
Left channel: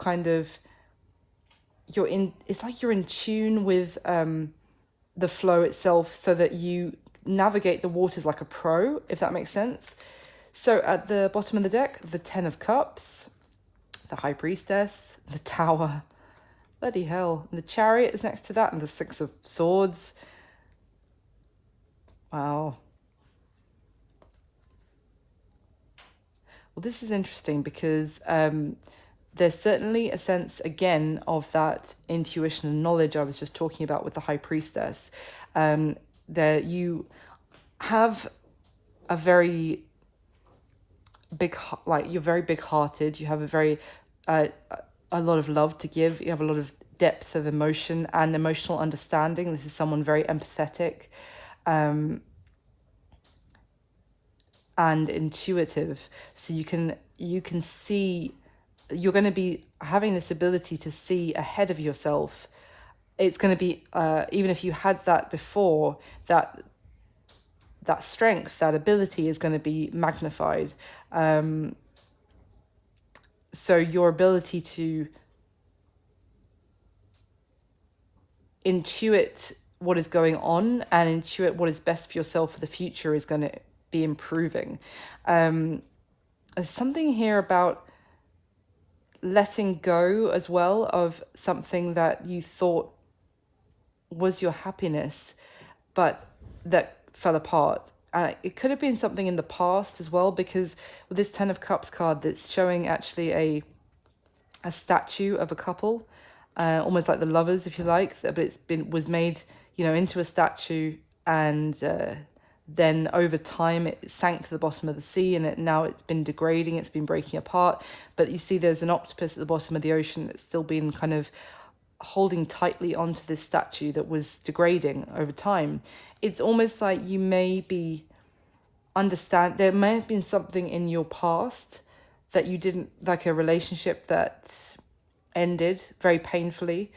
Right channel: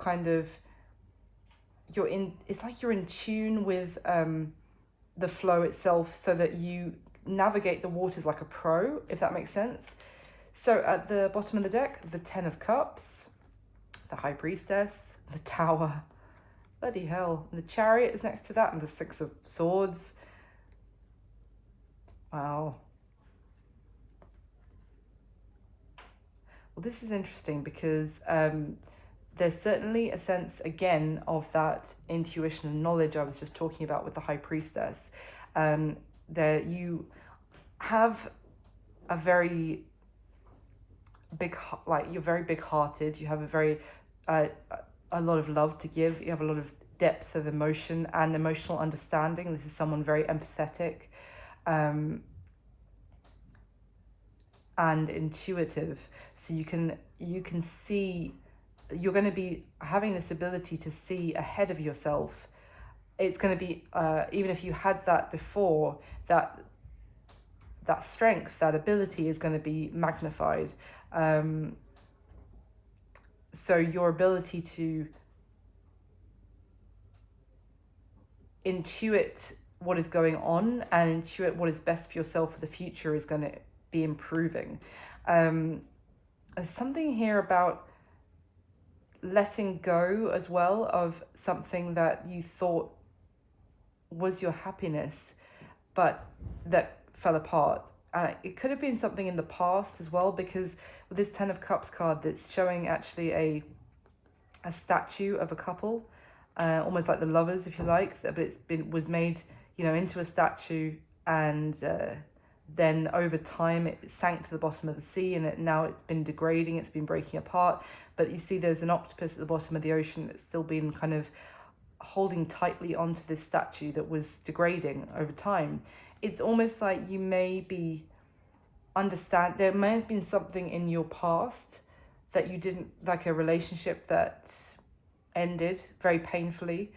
it's like you're in tune with the flow itself, so that you navigate the waters like a pro, if that makes sense. So at the bottom of the deck, the 10 of Cups, the High Priestess, the Tower, bloody hell, and the Chariot is next to that, and the 6 of Swords. Wow. Well, this is interesting because there's certainly a sense, again, of that intuition and knowledge I was just talking about with the High Priestess. That you have a very big, like, you're very big-hearted. You have a lot of love to give. You have a lot of depth of emotion and emotional understanding. This is someone very empathetic and intuitive. So you can see, you're going to be having this ability to see ahead of yourself. It's going to be even if you had that before, that strength, that ability is going to be magnified. So your ability to intuit what is going on and intuit what is best for yourself for the future is going to be improving. There's something here about letting go as well of something that you thought was your happiness, but that fell apart. It could have been something in the past as well, because with this Ten of Cups card, that's showing actually a statue of a couple, almost like the lovers, if you like, but was made, into a statue, and then over time it sank to the bottom of the sea, and now it's been degrading, it's been breaking apart. But you see there's an octopus at the bottom of the ocean that's still been kind of holding tightly onto this statue that was degrading over time. It's almost like you may be there may have been something in your past that you didn't like, a relationship that ended very painfully,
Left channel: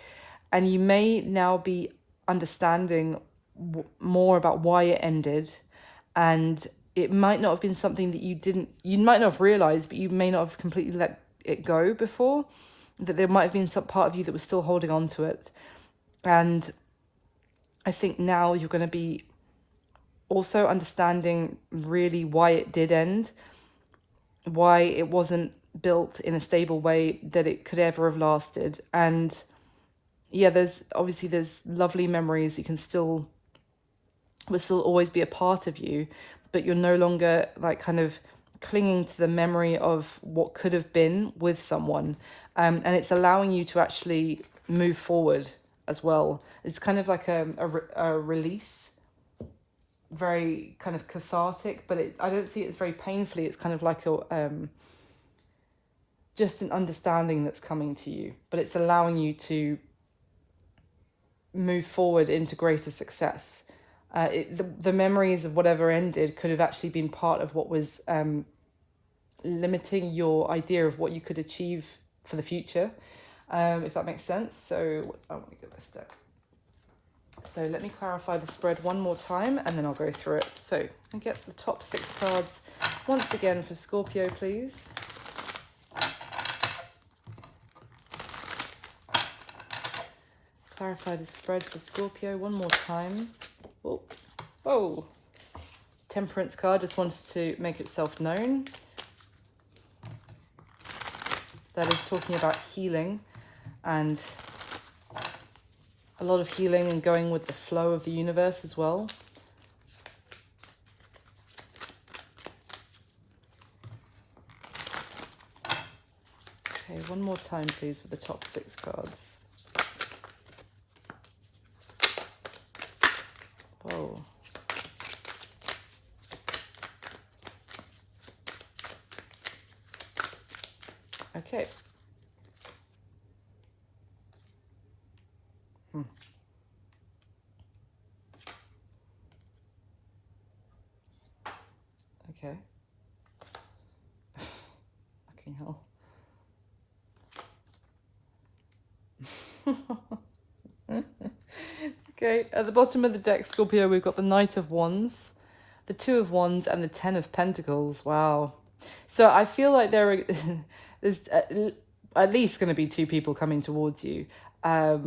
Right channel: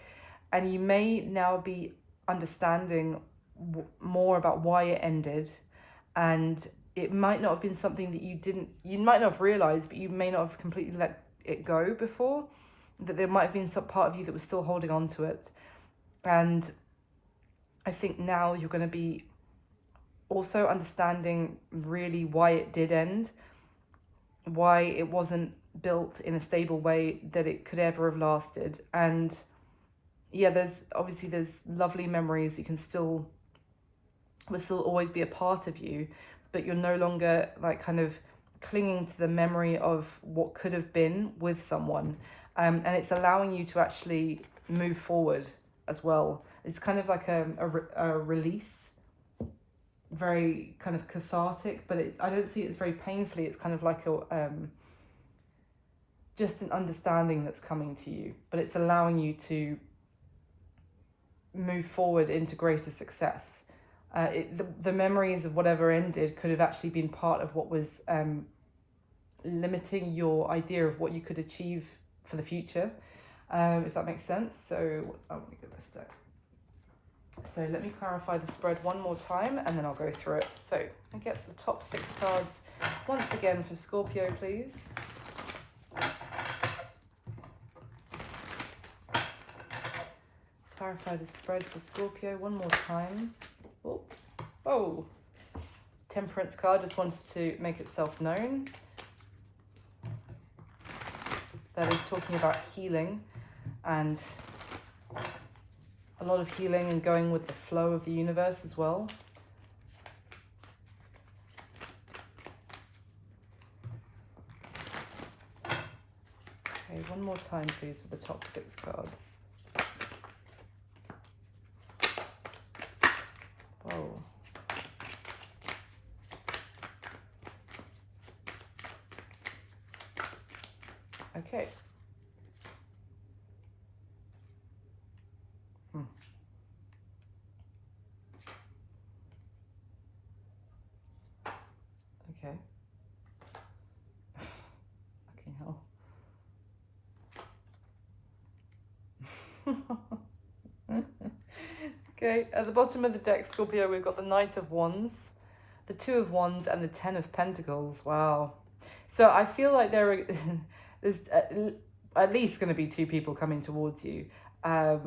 and you may now be understanding more about why it ended. And it might not have been something that you might not have realized, but you may not have completely let it go before, that there might have been some part of you that was still holding on to it. And I think now you're going to be also understanding really why it did end, why it wasn't built in a stable way that it could ever have lasted. And yeah, there's lovely memories you can will still always be a part of you, but you're no longer like kind of clinging to the memory of what could have been with someone. And it's allowing you to actually move forward as well. It's kind of like a release, very kind of cathartic, but I don't see it as very painfully. It's kind of like just an understanding that's coming to you, but it's allowing you to move forward into greater success. The memories of whatever ended could have actually been part of what was limiting your idea of what you could achieve for the future, if that makes sense. So let me get this deck. So let me clarify the spread one more time, and then I'll go through it. So I get the top 6 cards once again for Scorpio, please. Clarify the spread for Scorpio one more time. Oh, Temperance card just wanted to make itself known. That is talking about healing, and a lot of healing and going with the flow of the universe as well. Okay, one more time please for the top 6 cards. Whoa. Okay. Okay. Fucking hell. Okay, at the bottom of the deck, Scorpio, we've got the Knight of Wands, the Two of Wands, and the Ten of Pentacles. Wow. So I feel like there's at least going to be 2 people coming towards you. I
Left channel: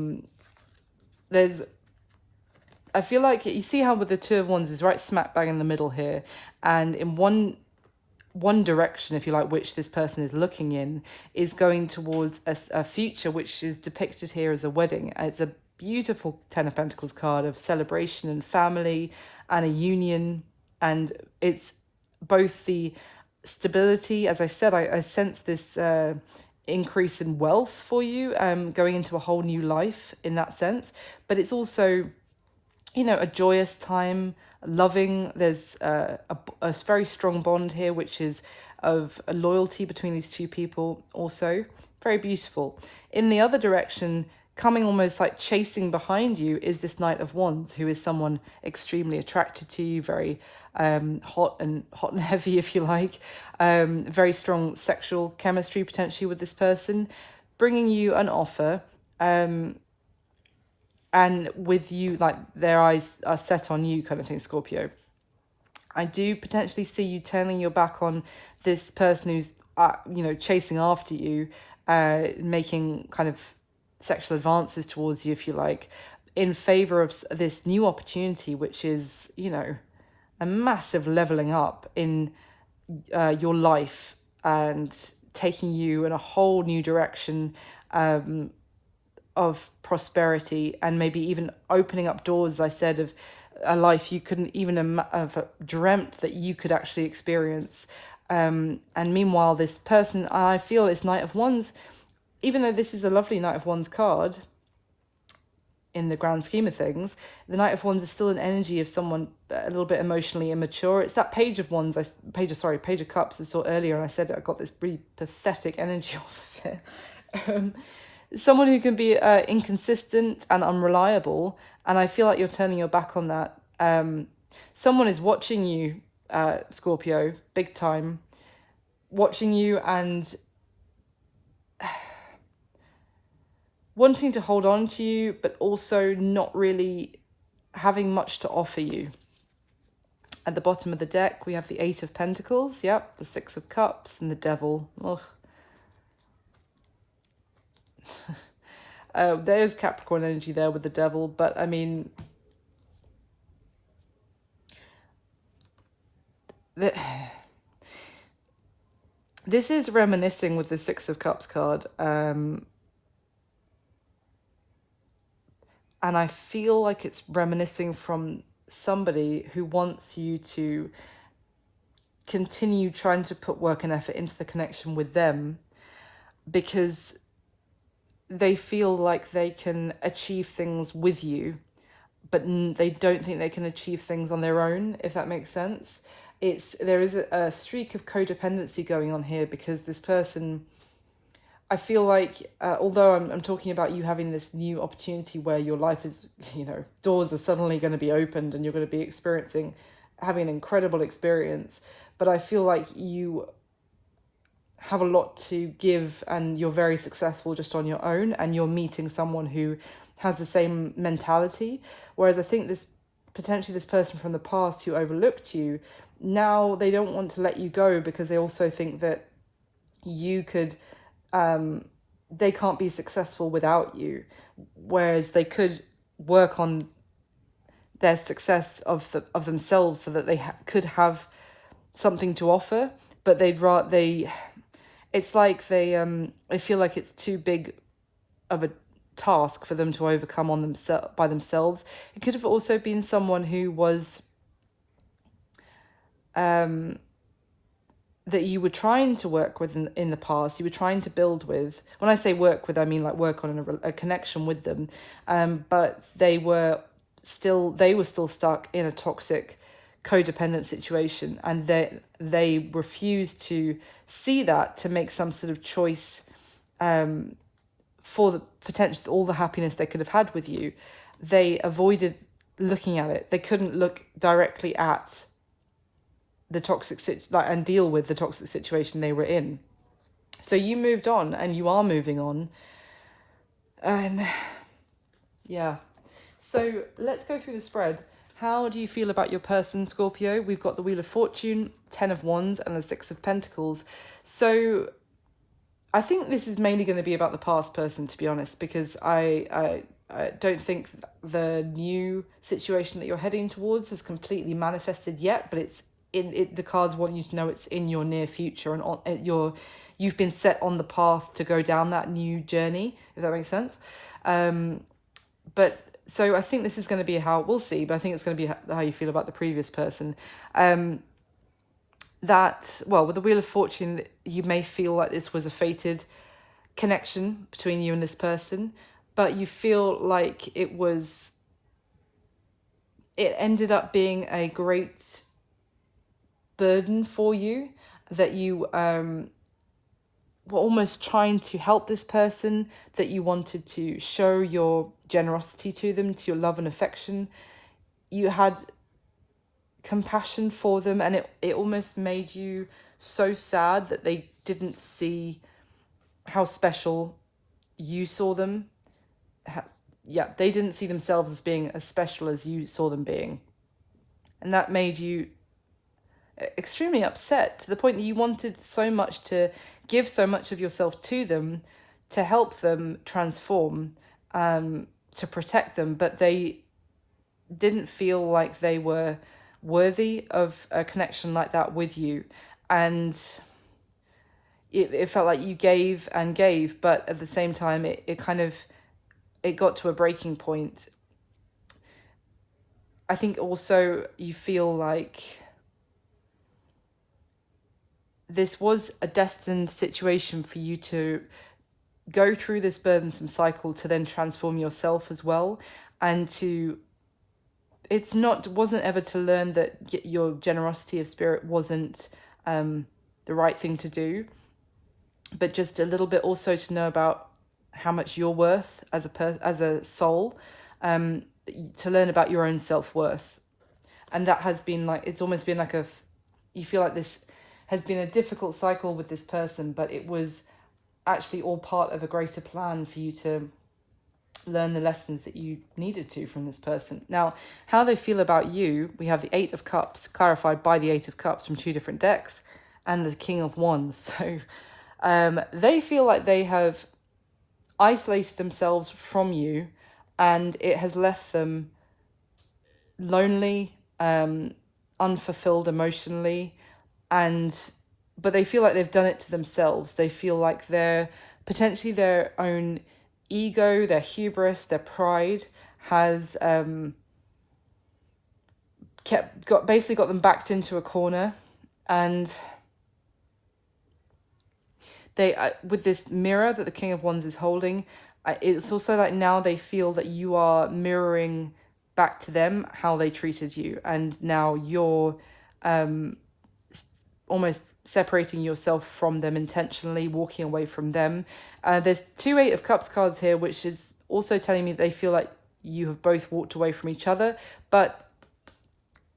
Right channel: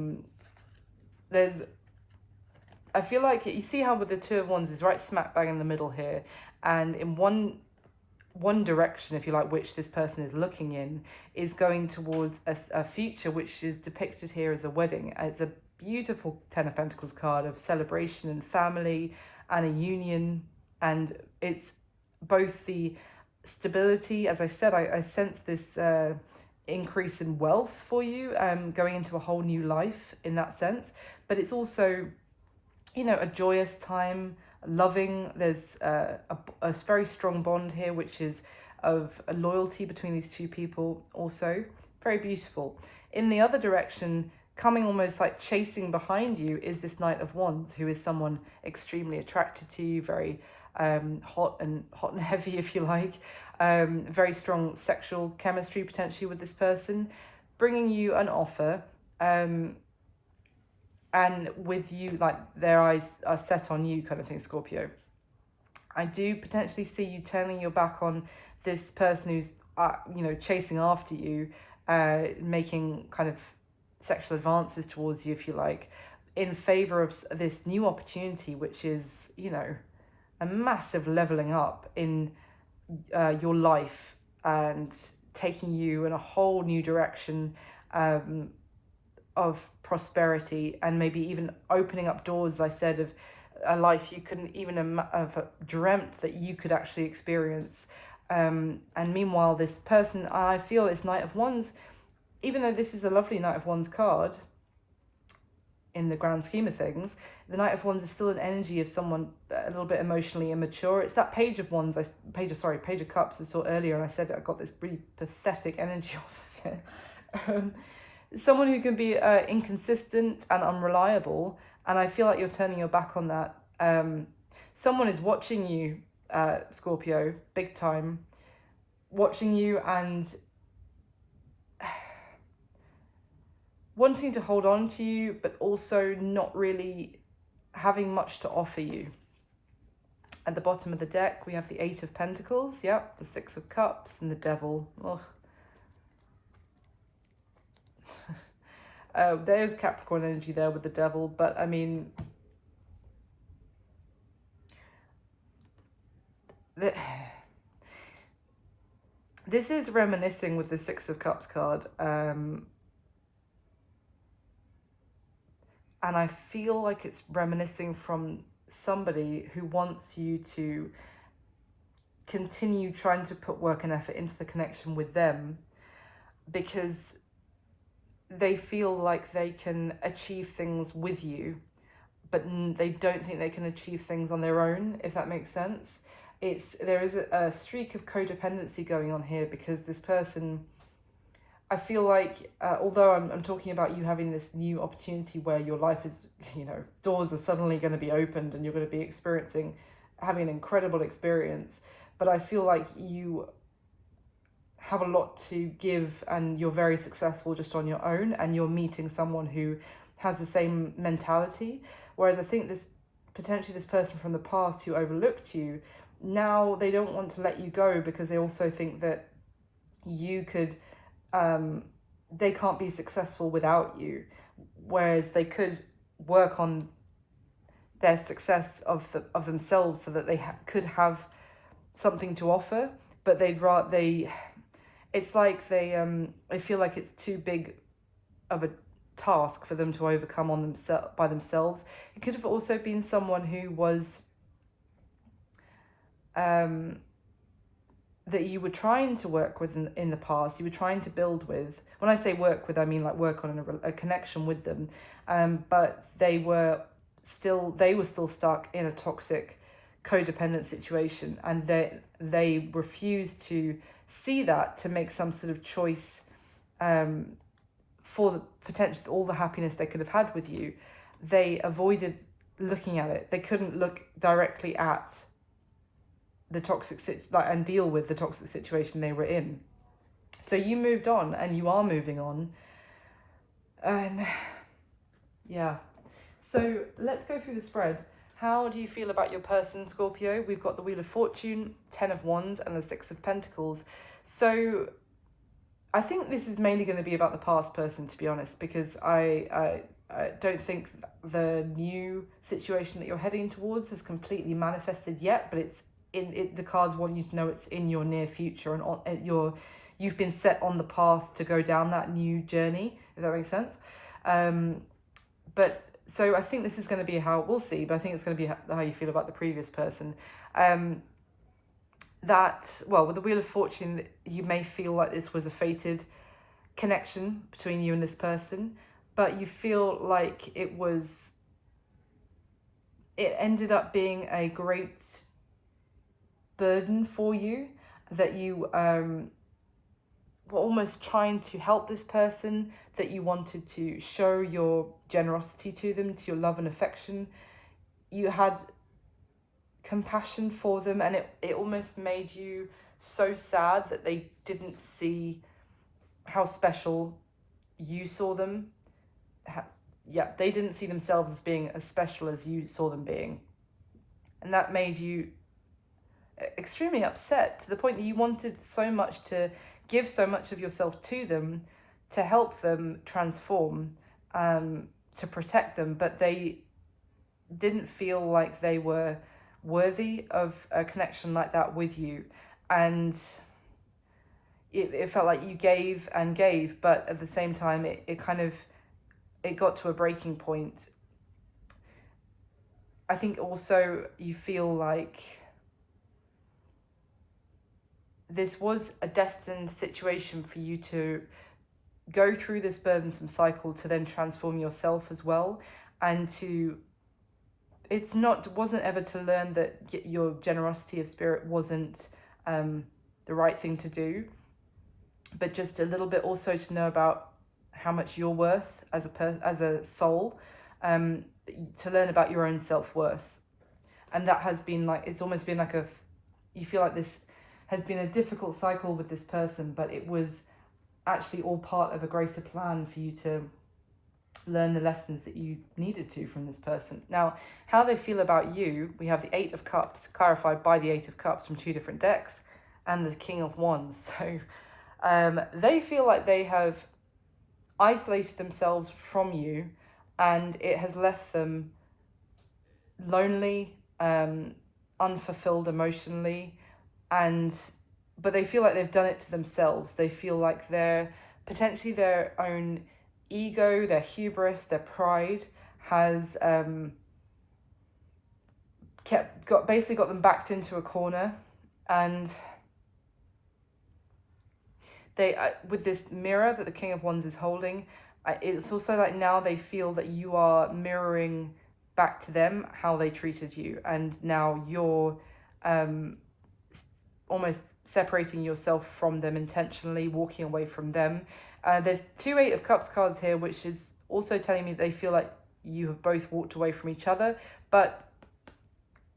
feel like, you see how with the Two of Wands is right smack bang in the middle here, and in one direction, if you like, which this person is looking in, is going towards a future which is depicted here as a wedding. It's a beautiful Ten of Pentacles card of celebration and family and a union, and it's both the stability, as I said, I sense this increase in wealth for you, going into a whole new life in that sense, but it's also, a joyous time, loving. There's a very strong bond here, which is of a loyalty between these 2 people, also very beautiful. In the other direction, coming almost like chasing behind you, is this Knight of Wands, who is someone extremely attracted to you, very hot and heavy, if you like, very strong sexual chemistry potentially with this person, bringing you an offer, and with you, like, their eyes are set on you kind of thing, Scorpio. I do potentially see you turning your back on this person who's chasing after you, making kind of sexual advances towards you, if you like, in favor of this new opportunity, which is, a massive leveling up in your life and taking you in a whole new direction of prosperity, and maybe even opening up doors, as I said, of a life you couldn't even have dreamt that you could actually experience. And meanwhile, this person, I feel it's Knight of Wands, even though this is a lovely Knight of Wands card in the grand scheme of things, the Knight of Wands is still an energy of someone a little bit emotionally immature. It's that Page of Wands, Page of Cups I saw earlier, and I said I got this really pathetic energy off of it. Someone who can be inconsistent and unreliable, and I feel like you're turning your back on that. Someone is watching you, Scorpio, big time, watching you and wanting to hold on to you, but also not really having much to offer you. At the bottom of the deck, we have the Eight of Pentacles, yep, the Six of Cups, and the Devil. Ugh. There's Capricorn energy there with the Devil, but I mean, this is reminiscing with the Six of Cups card. And I feel like it's reminiscing from somebody who wants you to continue trying to put work and effort into the connection with them, because they feel like they can achieve things with you, but they don't think they can achieve things on their own, if that makes sense. There is a streak of codependency going on here, because this person, I feel like, although I'm talking about you having this new opportunity where your life is, doors are suddenly going to be opened and you're going to be having an incredible experience, but I feel like you have a lot to give and you're very successful just on your own, and you're meeting someone who has the same mentality. Whereas I think potentially this person from the past who overlooked you, now they don't want to let you go, because they also think that you could, they can't be successful without you, whereas they could work on their success of themselves so that they could have something to offer, but it's like they feel like it's too big of a task for them to overcome by themselves. It could have also been someone who was that you were trying to work with in the past, you were trying to build with. When I say work with, I mean like work on a connection with them, but they were still stuck in a toxic codependent situation, and they refused to see that, to make some sort of choice for the potential, all the happiness they could have had with you. They avoided looking at it. They couldn't look directly at the toxic and deal with the toxic situation they were in. So you moved on, and you are moving on, and yeah. So let's go through the spread. How do you feel about your person, Scorpio? We've got the Wheel of Fortune, 10 of Wands, and the 6 of Pentacles. So I think this is mainly going to be about the past person, to be honest, because I don't think the new situation that you're heading towards has completely manifested yet, but the cards want you to know it's in your near future, and you've been set on the path to go down that new journey, if that makes sense. But so I think this is going to be we'll see, but I think it's going to be how you feel about the previous person. With the Wheel of Fortune, you may feel like this was a fated connection between you and this person, but you feel like it ended up being a great burden for you, that you were almost trying to help this person, that you wanted to show your generosity to them, to your love and affection. You had compassion for them, and it almost made you so sad that they didn't see how special you saw them. They didn't see themselves as being as special as you saw them being, and that made you extremely upset, to the point that you wanted so much to give so much of yourself to them, to help them transform, to protect them, but they didn't feel like they were worthy of a connection like that with you. And it felt like you gave and gave, but at the same time it got to a breaking point. I think also you feel like this was a destined situation for you to go through this burdensome cycle to then transform yourself as well, and to wasn't ever to learn that your generosity of spirit wasn't the right thing to do, but just a little bit also to know about how much you're worth as a soul, to learn about your own self-worth. And that has been like, it's almost been like you feel like this has been a difficult cycle with this person, but it was actually all part of a greater plan for you to learn the lessons that you needed to from this person. Now, how they feel about you, we have the Eight of Cups clarified by the Eight of Cups from two different decks, and the King of Wands. So they feel like they have isolated themselves from you, and it has left them lonely, unfulfilled emotionally, but they feel like they've done it to themselves. They feel like they're potentially their own ego, their hubris, their pride has basically got them backed into a corner. And they with this mirror that the King of Wands is holding, it's also like now they feel that you are mirroring back to them how they treated you, and now you're almost separating yourself from them intentionally, walking away from them. There's two Eight of Cups cards here, which is also telling me they feel like you have both walked away from each other, but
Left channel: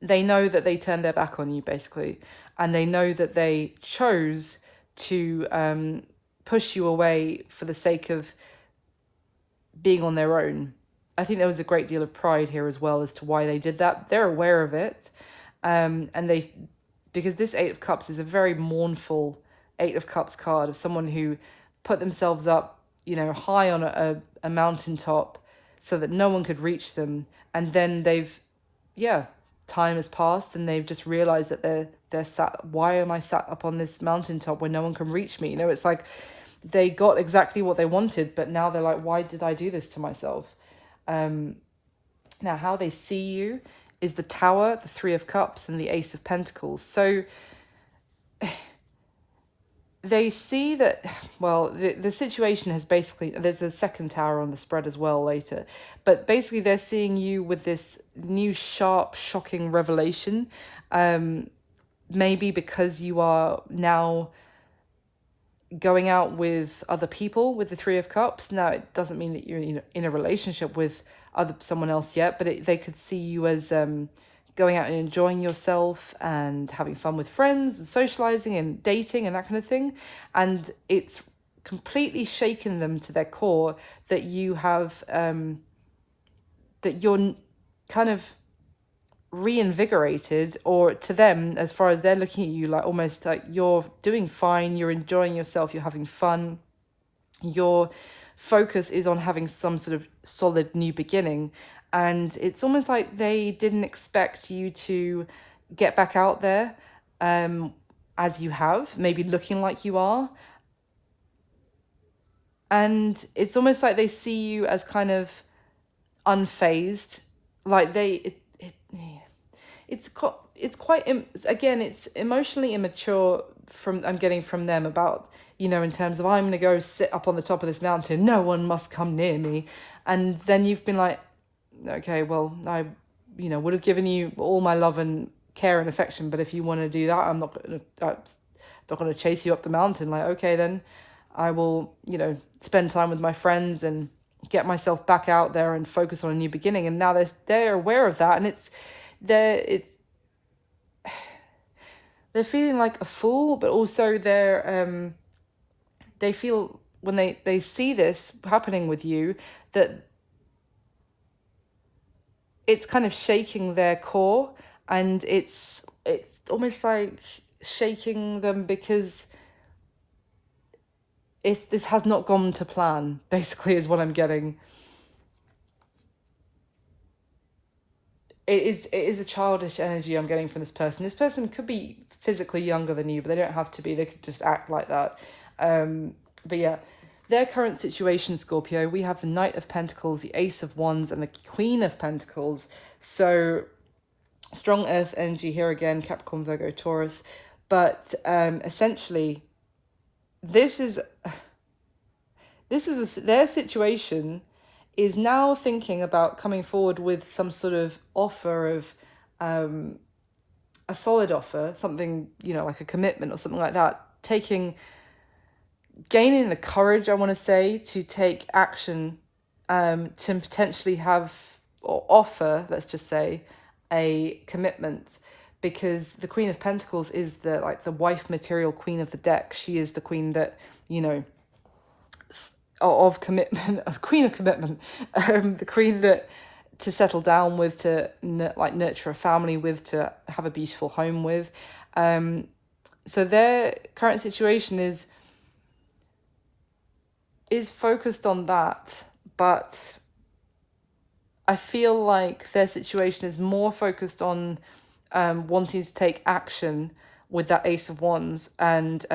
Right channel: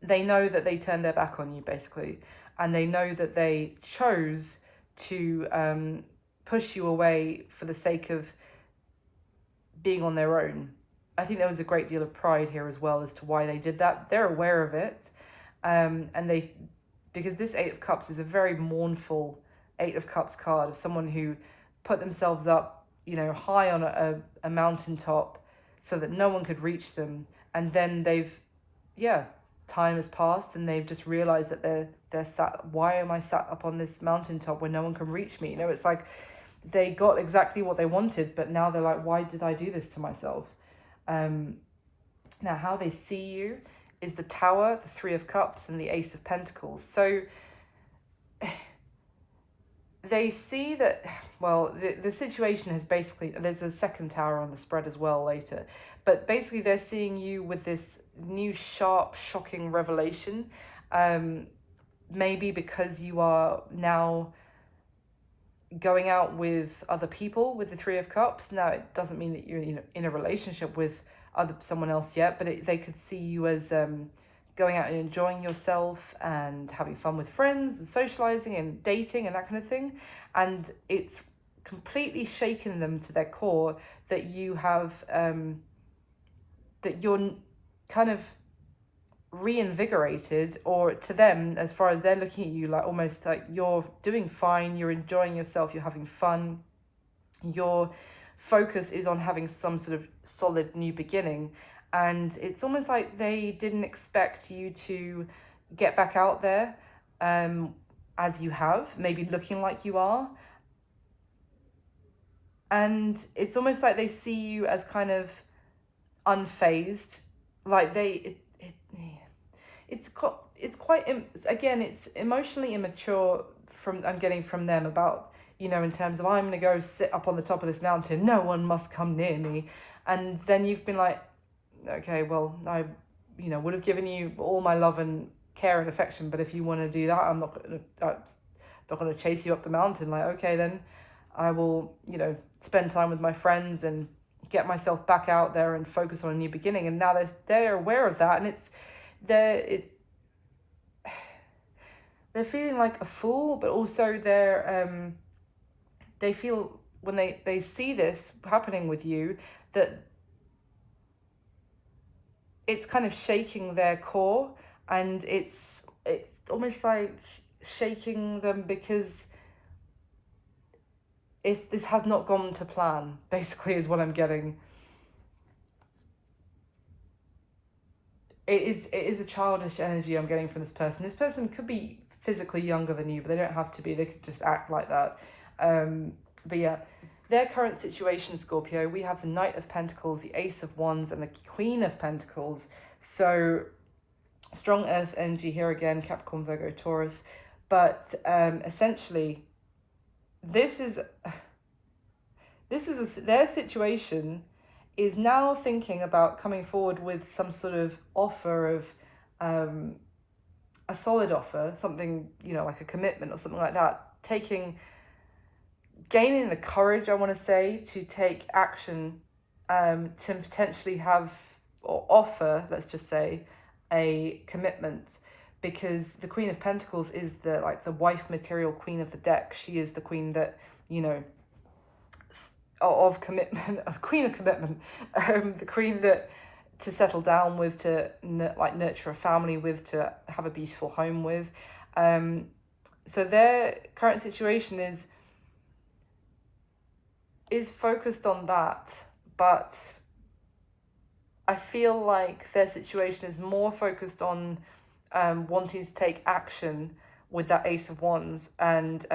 they know that they turned their back on you, basically, and they know that they chose to push you away for the sake of being on their own. I think there was a great deal of pride here as well as to why they did that. They're aware of it, and because this Eight of Cups is a very mournful Eight of Cups card of someone who put themselves up, high on a mountaintop so that no one could reach them. And then time has passed and they've just realized that they're sat, why am I sat up on this mountaintop where no one can reach me? It's like they got exactly what they wanted, but now they're like, why did I do this to myself? Now, how they see you is the Tower, the Three of Cups, and the Ace of Pentacles. So they see that, well, the situation has basically, there's a second tower on the spread as well later, but basically they're seeing you with this new sharp, shocking revelation, maybe because you are now going out with other people with the Three of Cups. Now, it doesn't mean that you're in a relationship with someone else yet, but they could see you as going out and enjoying yourself and having fun with friends and socializing and dating and that kind of thing. And it's completely shaken them to their core that you have that you're kind of reinvigorated, or to them, as far as they're looking at you, like almost like you're doing fine, you're enjoying yourself, you're having fun, your focus is on having some sort of solid new beginning. And it's almost like they didn't expect you to get back out there as you have, maybe looking like you are. And it's almost like they see you as kind of unfazed, like it's quite again, it's emotionally immature I'm getting from them about, in terms of, I'm going to go sit up on the top of this mountain, no one must come near me. And then you've been like, okay, well, I would have given you all my love and care and affection, but if you want to do that, I'm not going to chase you up the mountain. Like, okay, then I will spend time with my friends and get myself back out there and focus on a new beginning. And now they're aware of that, and they're feeling like a fool, but also they feel when they see this happening with you, that it's kind of shaking their core, and it's almost like shaking them because this has not gone to plan, basically, is what I'm getting. It is a childish energy I'm getting from this person. This person could be physically younger than you, but they don't have to be. They could just act like that. But yeah, their current situation, Scorpio, we have the Knight of Pentacles, the Ace of Wands, and the Queen of Pentacles. So Strong earth energy here again, Capricorn, Virgo, Taurus. But essentially, this is their situation is now thinking about coming forward with some sort of offer of a solid offer, something, you know, like a commitment or something like that, gaining the courage, I want to say, to take action, to potentially have or offer, let's just say, a commitment, because the Queen of Pentacles is the wife material queen of the deck. She is the queen that, you know, of commitment, of queen of commitment, the queen that to settle down with, to nurture a family with, to have a beautiful home with. So their current situation is focused on that, but I feel like their situation is more focused on wanting to take action with that Ace of Wands, and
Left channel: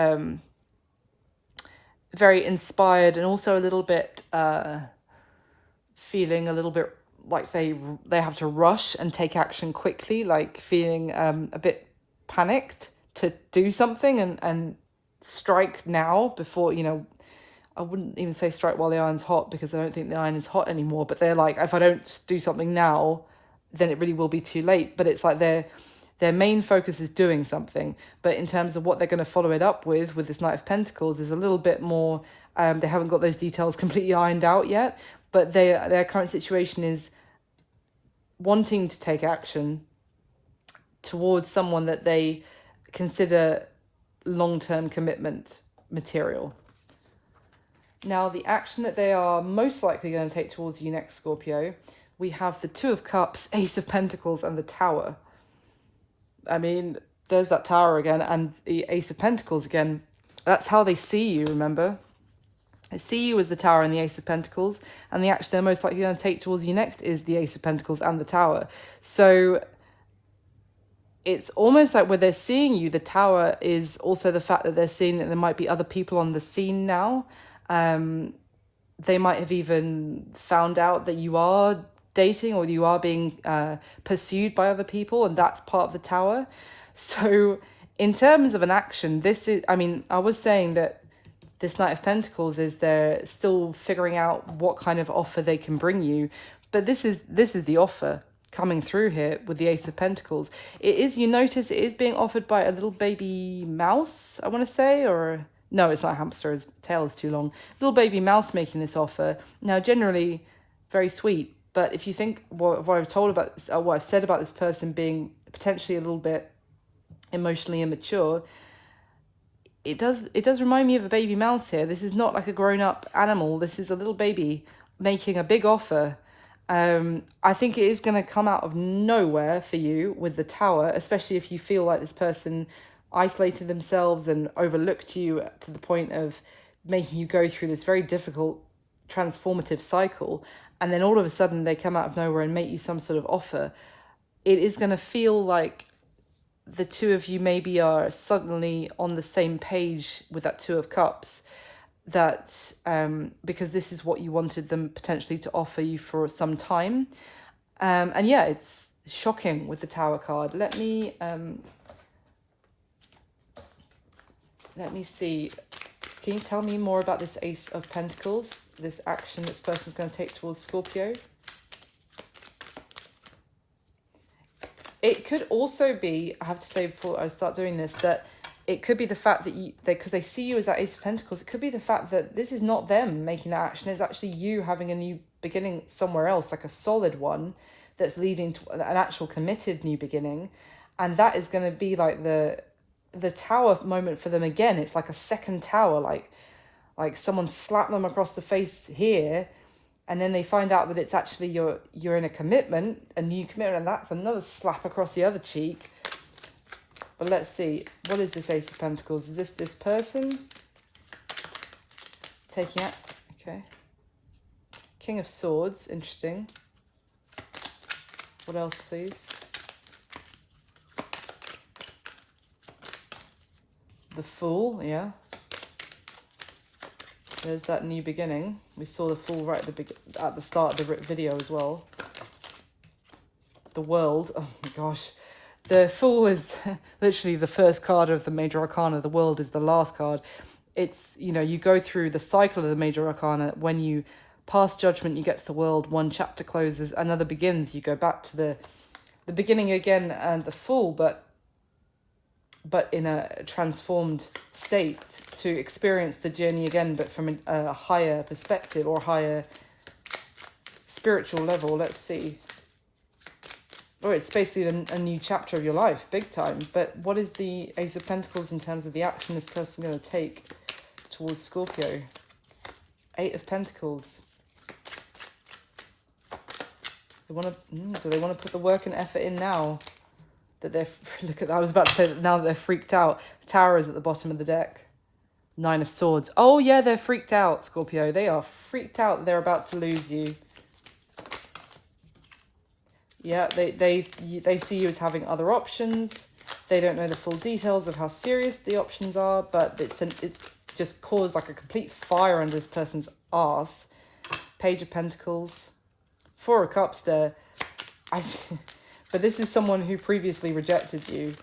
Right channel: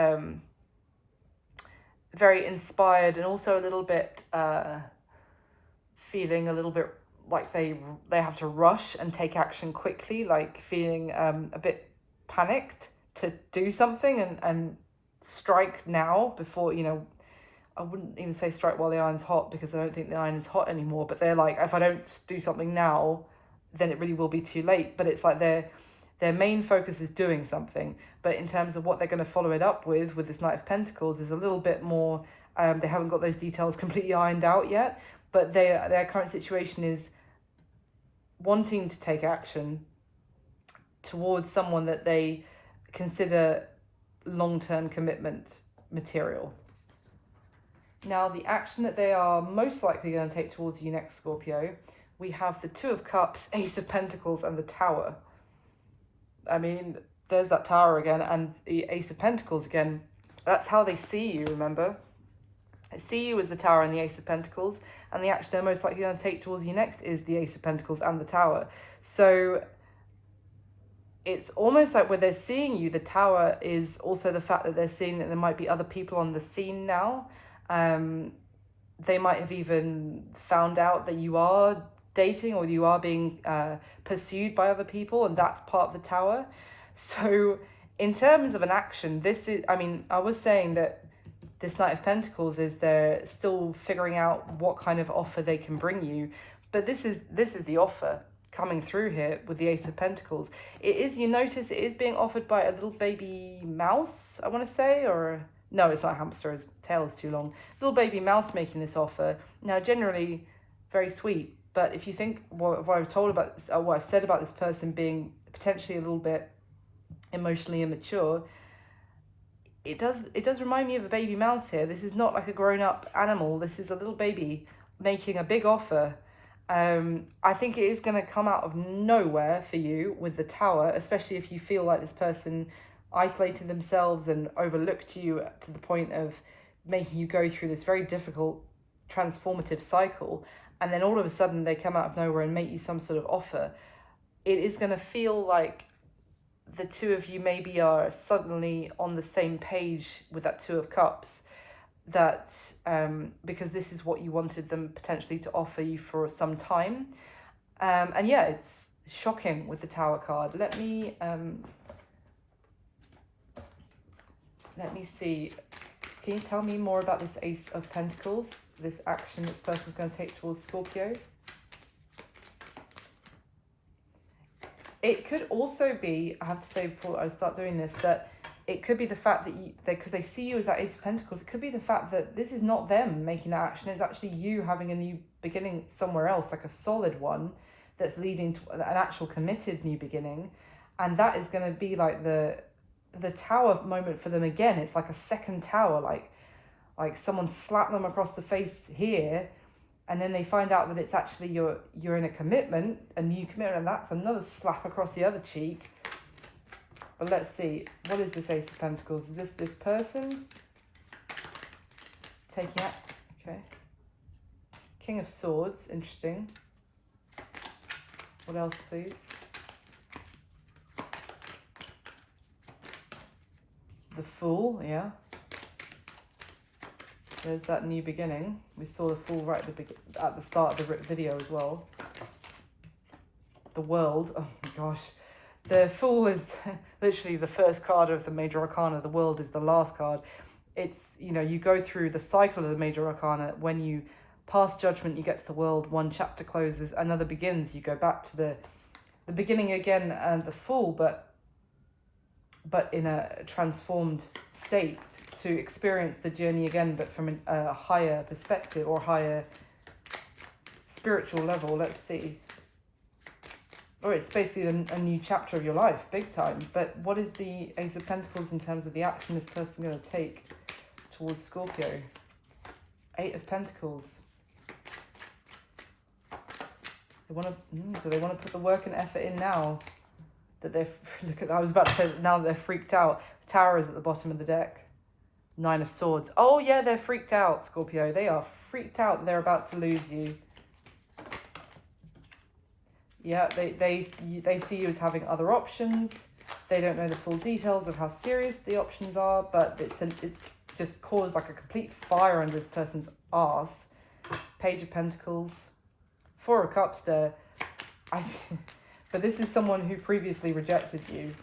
very inspired, and also a little bit feeling a little bit like they have to rush and take action quickly, like feeling a bit panicked to do something and strike now before, you know, I wouldn't even say strike while the iron's hot, because I don't think the iron is hot anymore, but they're like, if I don't do something now, then it really will be too late. But it's like their main focus is doing something, but in terms of what they're going to follow it up with this Knight of Pentacles is a little bit more, they haven't got those details completely ironed out yet, but their current situation is wanting to take action towards someone that they consider long-term commitment material. Now, the action that they are most likely going to take towards you next, Scorpio, we have the Two of Cups, Ace of Pentacles, and the Tower. I mean, there's that Tower again, and the Ace of Pentacles again. That's how they see you, remember? They see you as the Tower and the Ace of Pentacles, and the action they're most likely going to take towards you next is the Ace of Pentacles and the Tower. So it's almost like where they're seeing you, the Tower is also the fact that they're seeing that there might be other people on the scene now. They might have even found out that you are dating, or you are being pursued by other people, and that's part of the Tower. So in terms of an action, this is, I mean, I was saying that this Knight of Pentacles is they're still figuring out what kind of offer they can bring you, but this is the offer coming through here with the Ace of Pentacles. It is, you notice, it is being offered by a little baby mouse, I want to say, or no, it's not a hamster, his tail is too long. Little baby mouse making this offer. Now, generally very sweet, but if you think what I've told about this, what I've said about this person being potentially a little bit emotionally immature, it does remind me of a baby mouse here. This is not like a grown-up animal. This is a little baby making a big offer. I think it is going to come out of nowhere for you with the Tower, especially if you feel like this person isolated themselves and overlooked you to the point of making you go through this very difficult transformative cycle, and then all of a sudden they come out of nowhere and make you some sort of offer. It is going to feel like the two of you maybe are suddenly on the same page with that Two of Cups, that because this is what you wanted them potentially to offer you for some time. And yeah, it's shocking with the Tower card. Let me see. Can you tell me more about this Ace of Pentacles, this action this person's going to take towards Scorpio? It could also be, I have to say before I start doing this, that it could be the fact that because they see you as that Ace of Pentacles, it could be the fact that this is not them making that action, it's actually you having a new beginning somewhere else, like a solid one that's leading to an actual committed new beginning. And that is going to be like the Tower moment for them again. It's like a second Tower, like someone slapped them across the face here, and then they find out that it's actually you're in a commitment, a new commitment, and that's another slap across the other cheek. But let's see, what is this Ace of Pentacles? Is this person taking out? Okay. King of Swords, interesting. What else, please? The Fool, yeah. There's that new beginning. We saw the Fool right at the start of the video as well. The World, oh my gosh. The Fool is literally the first card of the Major Arcana. The World is the last card. It's, you know, you go through the cycle of the Major Arcana. When you pass Judgment, you get to the World. One chapter closes, another begins. You go back to the beginning again, and the Fool, but in a transformed state, to experience the journey again, but from a higher perspective or higher spiritual level. Let's see. Oh, it's basically a new chapter of your life, big time. But what is the Ace of Pentacles in terms of the action this person going to take towards Scorpio? Eight of Pentacles. They want to. Do they want to put the work and effort in now? That they're, look at that, I was about to say that now that they're freaked out. The Tower is at the bottom of the deck. Nine of Swords. Oh yeah, they're freaked out, Scorpio. They are freaked out that they're about to lose you. Yeah, they see you as having other options. They don't know the full details of how serious the options are, but it's just caused like a complete fire under this person's arse. Page of Pentacles. Four of Cups there. But this is someone who previously rejected you,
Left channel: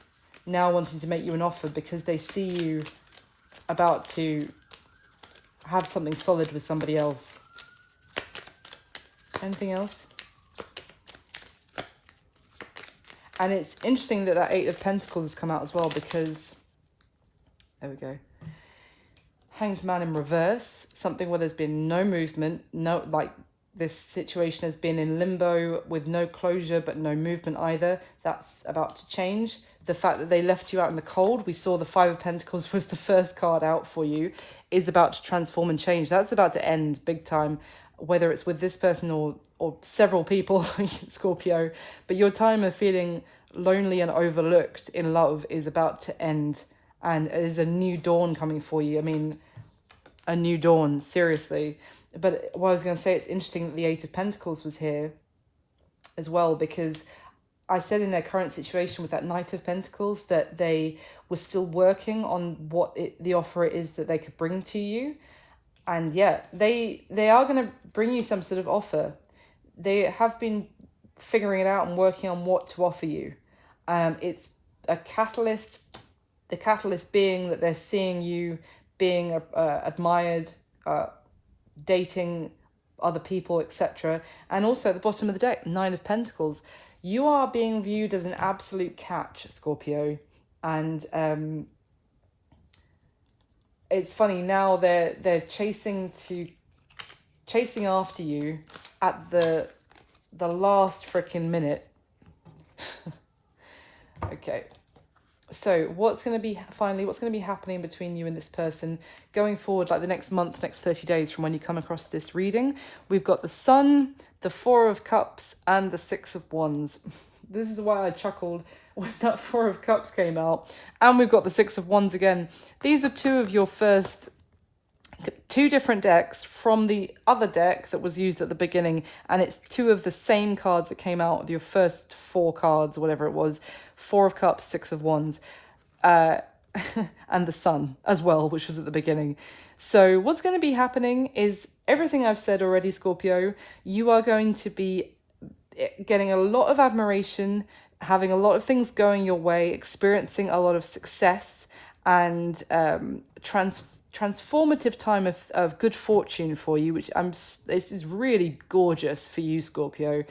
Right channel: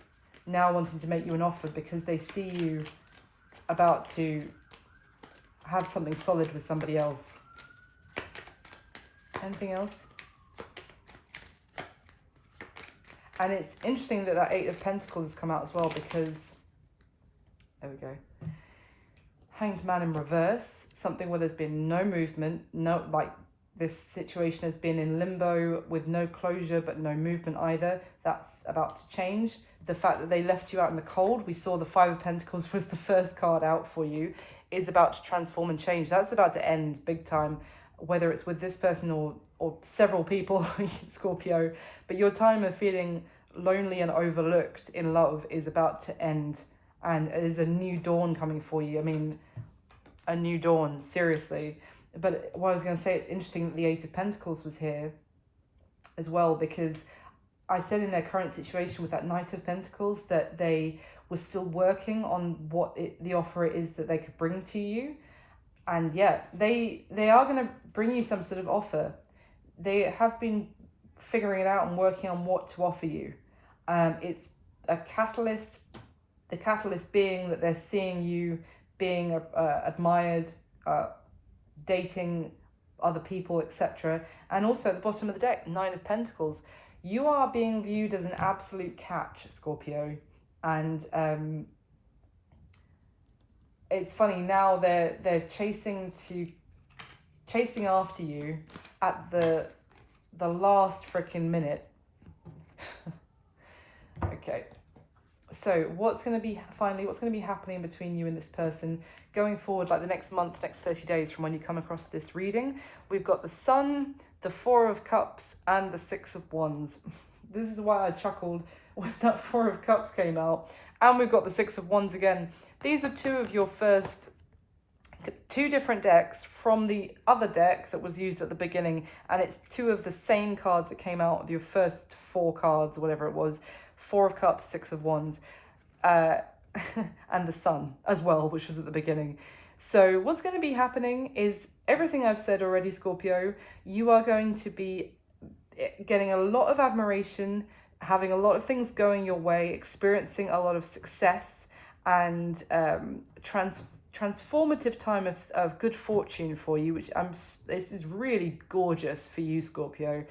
now wanting to make you an offer because they see you about to have something solid with somebody else. Anything else? And it's interesting that that Eight of Pentacles has come out as well, because, there we go. Hanged Man in reverse, something where there's been no movement, no, like, this situation has been in limbo with no closure but no movement either. That's about to change. The fact that they left you out in the cold, we saw the Five of Pentacles was the first card out for you, is about to transform and change. That's about to end big time, whether it's with this person or several people, Scorpio. But your time of feeling lonely and overlooked in love is about to end, and there's a new dawn coming for you. I mean, a new dawn, seriously. But what I was going to say, it's interesting that the Eight of Pentacles was here as well, because I said in their current situation with that Knight of Pentacles that they were still working on what the offer it is that they could bring to you. And yeah, they are going to bring you some sort of offer. They have been figuring it out and working on what to offer you. It's a catalyst, the catalyst being that they're seeing you being admired, dating other people, etc. And also at the bottom of the deck, Nine of Pentacles. You are being viewed as an absolute catch, Scorpio. And it's funny, now they're chasing after you at the last freaking minute. Okay. So what's going to be happening between you and this person going forward, like the next month, next 30 days from when you come across this reading? We've got the Sun, the Four of Cups, and the Six of Wands. This is why I chuckled when that Four of Cups came out. And we've got the Six of Wands again. These are two of your first, two different decks from the other deck that was used at the beginning. And it's two of the same cards that came out of your first four cards, whatever it was. Four of Cups, Six of Wands, and the Sun as well, which was at the beginning. So what's going to be happening is everything I've said already, Scorpio. You are going to be getting a lot of admiration, having a lot of things going your way, experiencing a lot of success, and transformative time of good fortune for you, which this is really gorgeous for you, Scorpio.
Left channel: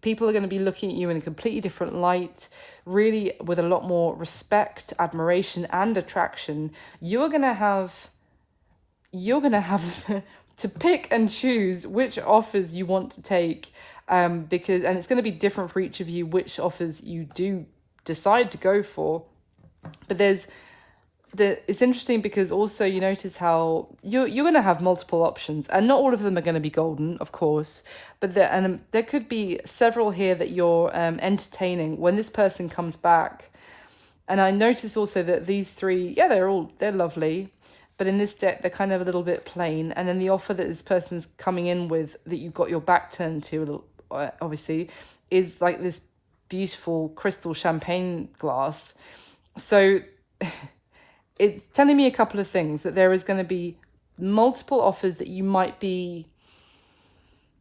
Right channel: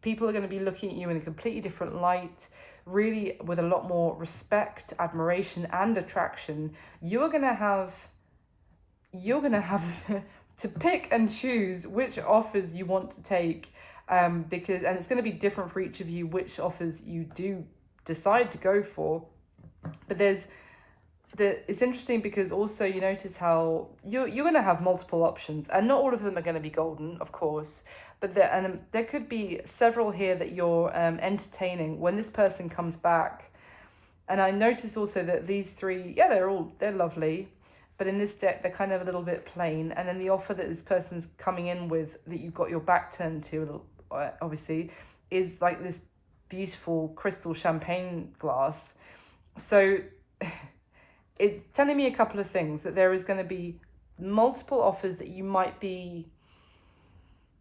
People are going to be looking at you in a completely different light, really with a lot more respect, admiration, and attraction. You're going to have to pick and choose which offers you want to take, because, and it's going to be different for each of you which offers you do decide to go for. But it's interesting because also you notice how you're going to have multiple options, and not all of them are going to be golden, of course, but there could be several here that you're entertaining when this person comes back. And I notice also that these three, yeah, they're lovely, but in this deck they're kind of a little bit plain. And then the offer that this person's coming in with, that you've got your back turned to, obviously, is like this beautiful crystal champagne glass. So it's telling me a couple of things, that there is going to be multiple offers that you might be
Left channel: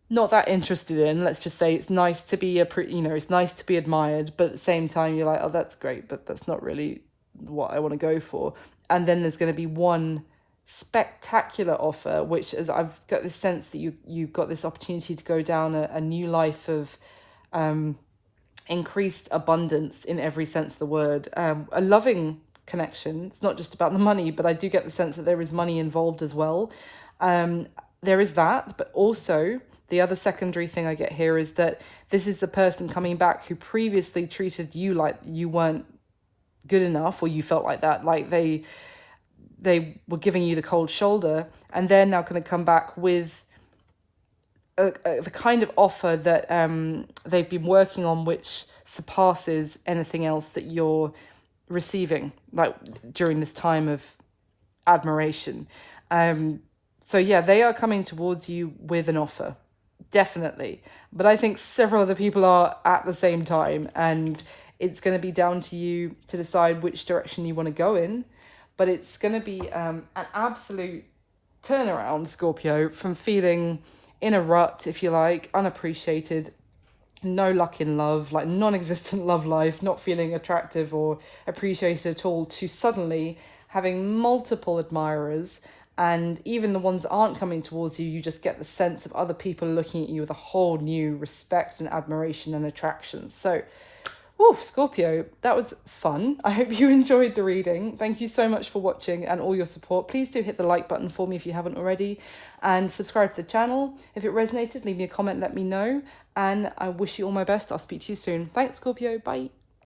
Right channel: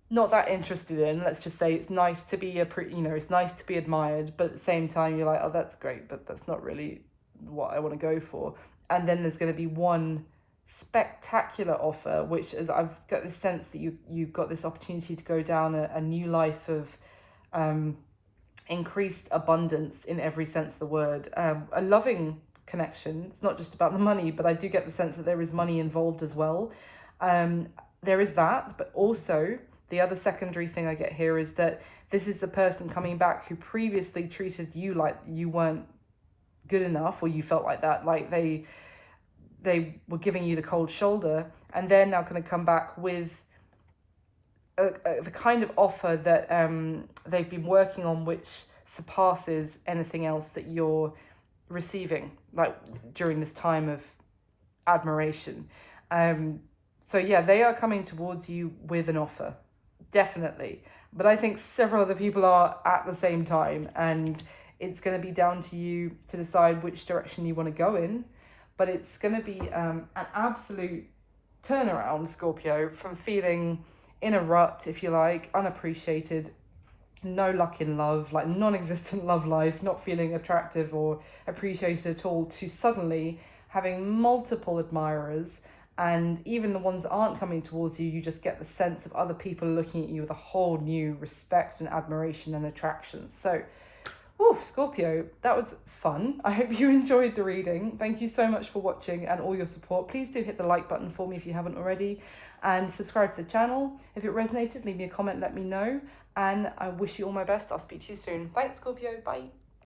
not that interested in. Let's just say it's nice to be it's nice to be admired, but at the same time you're like, oh, that's great, but that's not really what I want to go for. And then there's going to be one spectacular offer, which is, I've got this sense that you've got this opportunity to go down a new life of increased abundance in every sense of the word, a loving connection. It's not just about the money, but I do get the sense that there is money involved as well. There is that, but also the other secondary thing I get here is that this is the person coming back who previously treated you like you weren't good enough, or you felt like that, like they were giving you the cold shoulder, and they're now going to come back with the kind of offer that they've been working on, which surpasses anything else that you're receiving, like during this time of admiration. So yeah, they are coming towards you with an offer, definitely. But I think several other people are at the same time, and it's going to be down to you to decide which direction you want to go in. But it's going to be an absolute turnaround, Scorpio, from feeling in a rut, if you like, unappreciated, no luck in love, like non-existent love life, not feeling attractive or appreciated at all, to suddenly having multiple admirers, and even the ones that aren't coming towards you, you just get the sense of other people looking at you with a whole new respect and admiration and attraction. So, woo, Scorpio, that was fun. I hope you enjoyed the reading. Thank you so much for watching and all your support. Please do hit the like button for me if you haven't already, and subscribe to the channel. If it resonated, leave me a comment, let me know, and I wish you all my best. I'll speak to you soon. Thanks, Scorpio. Bye.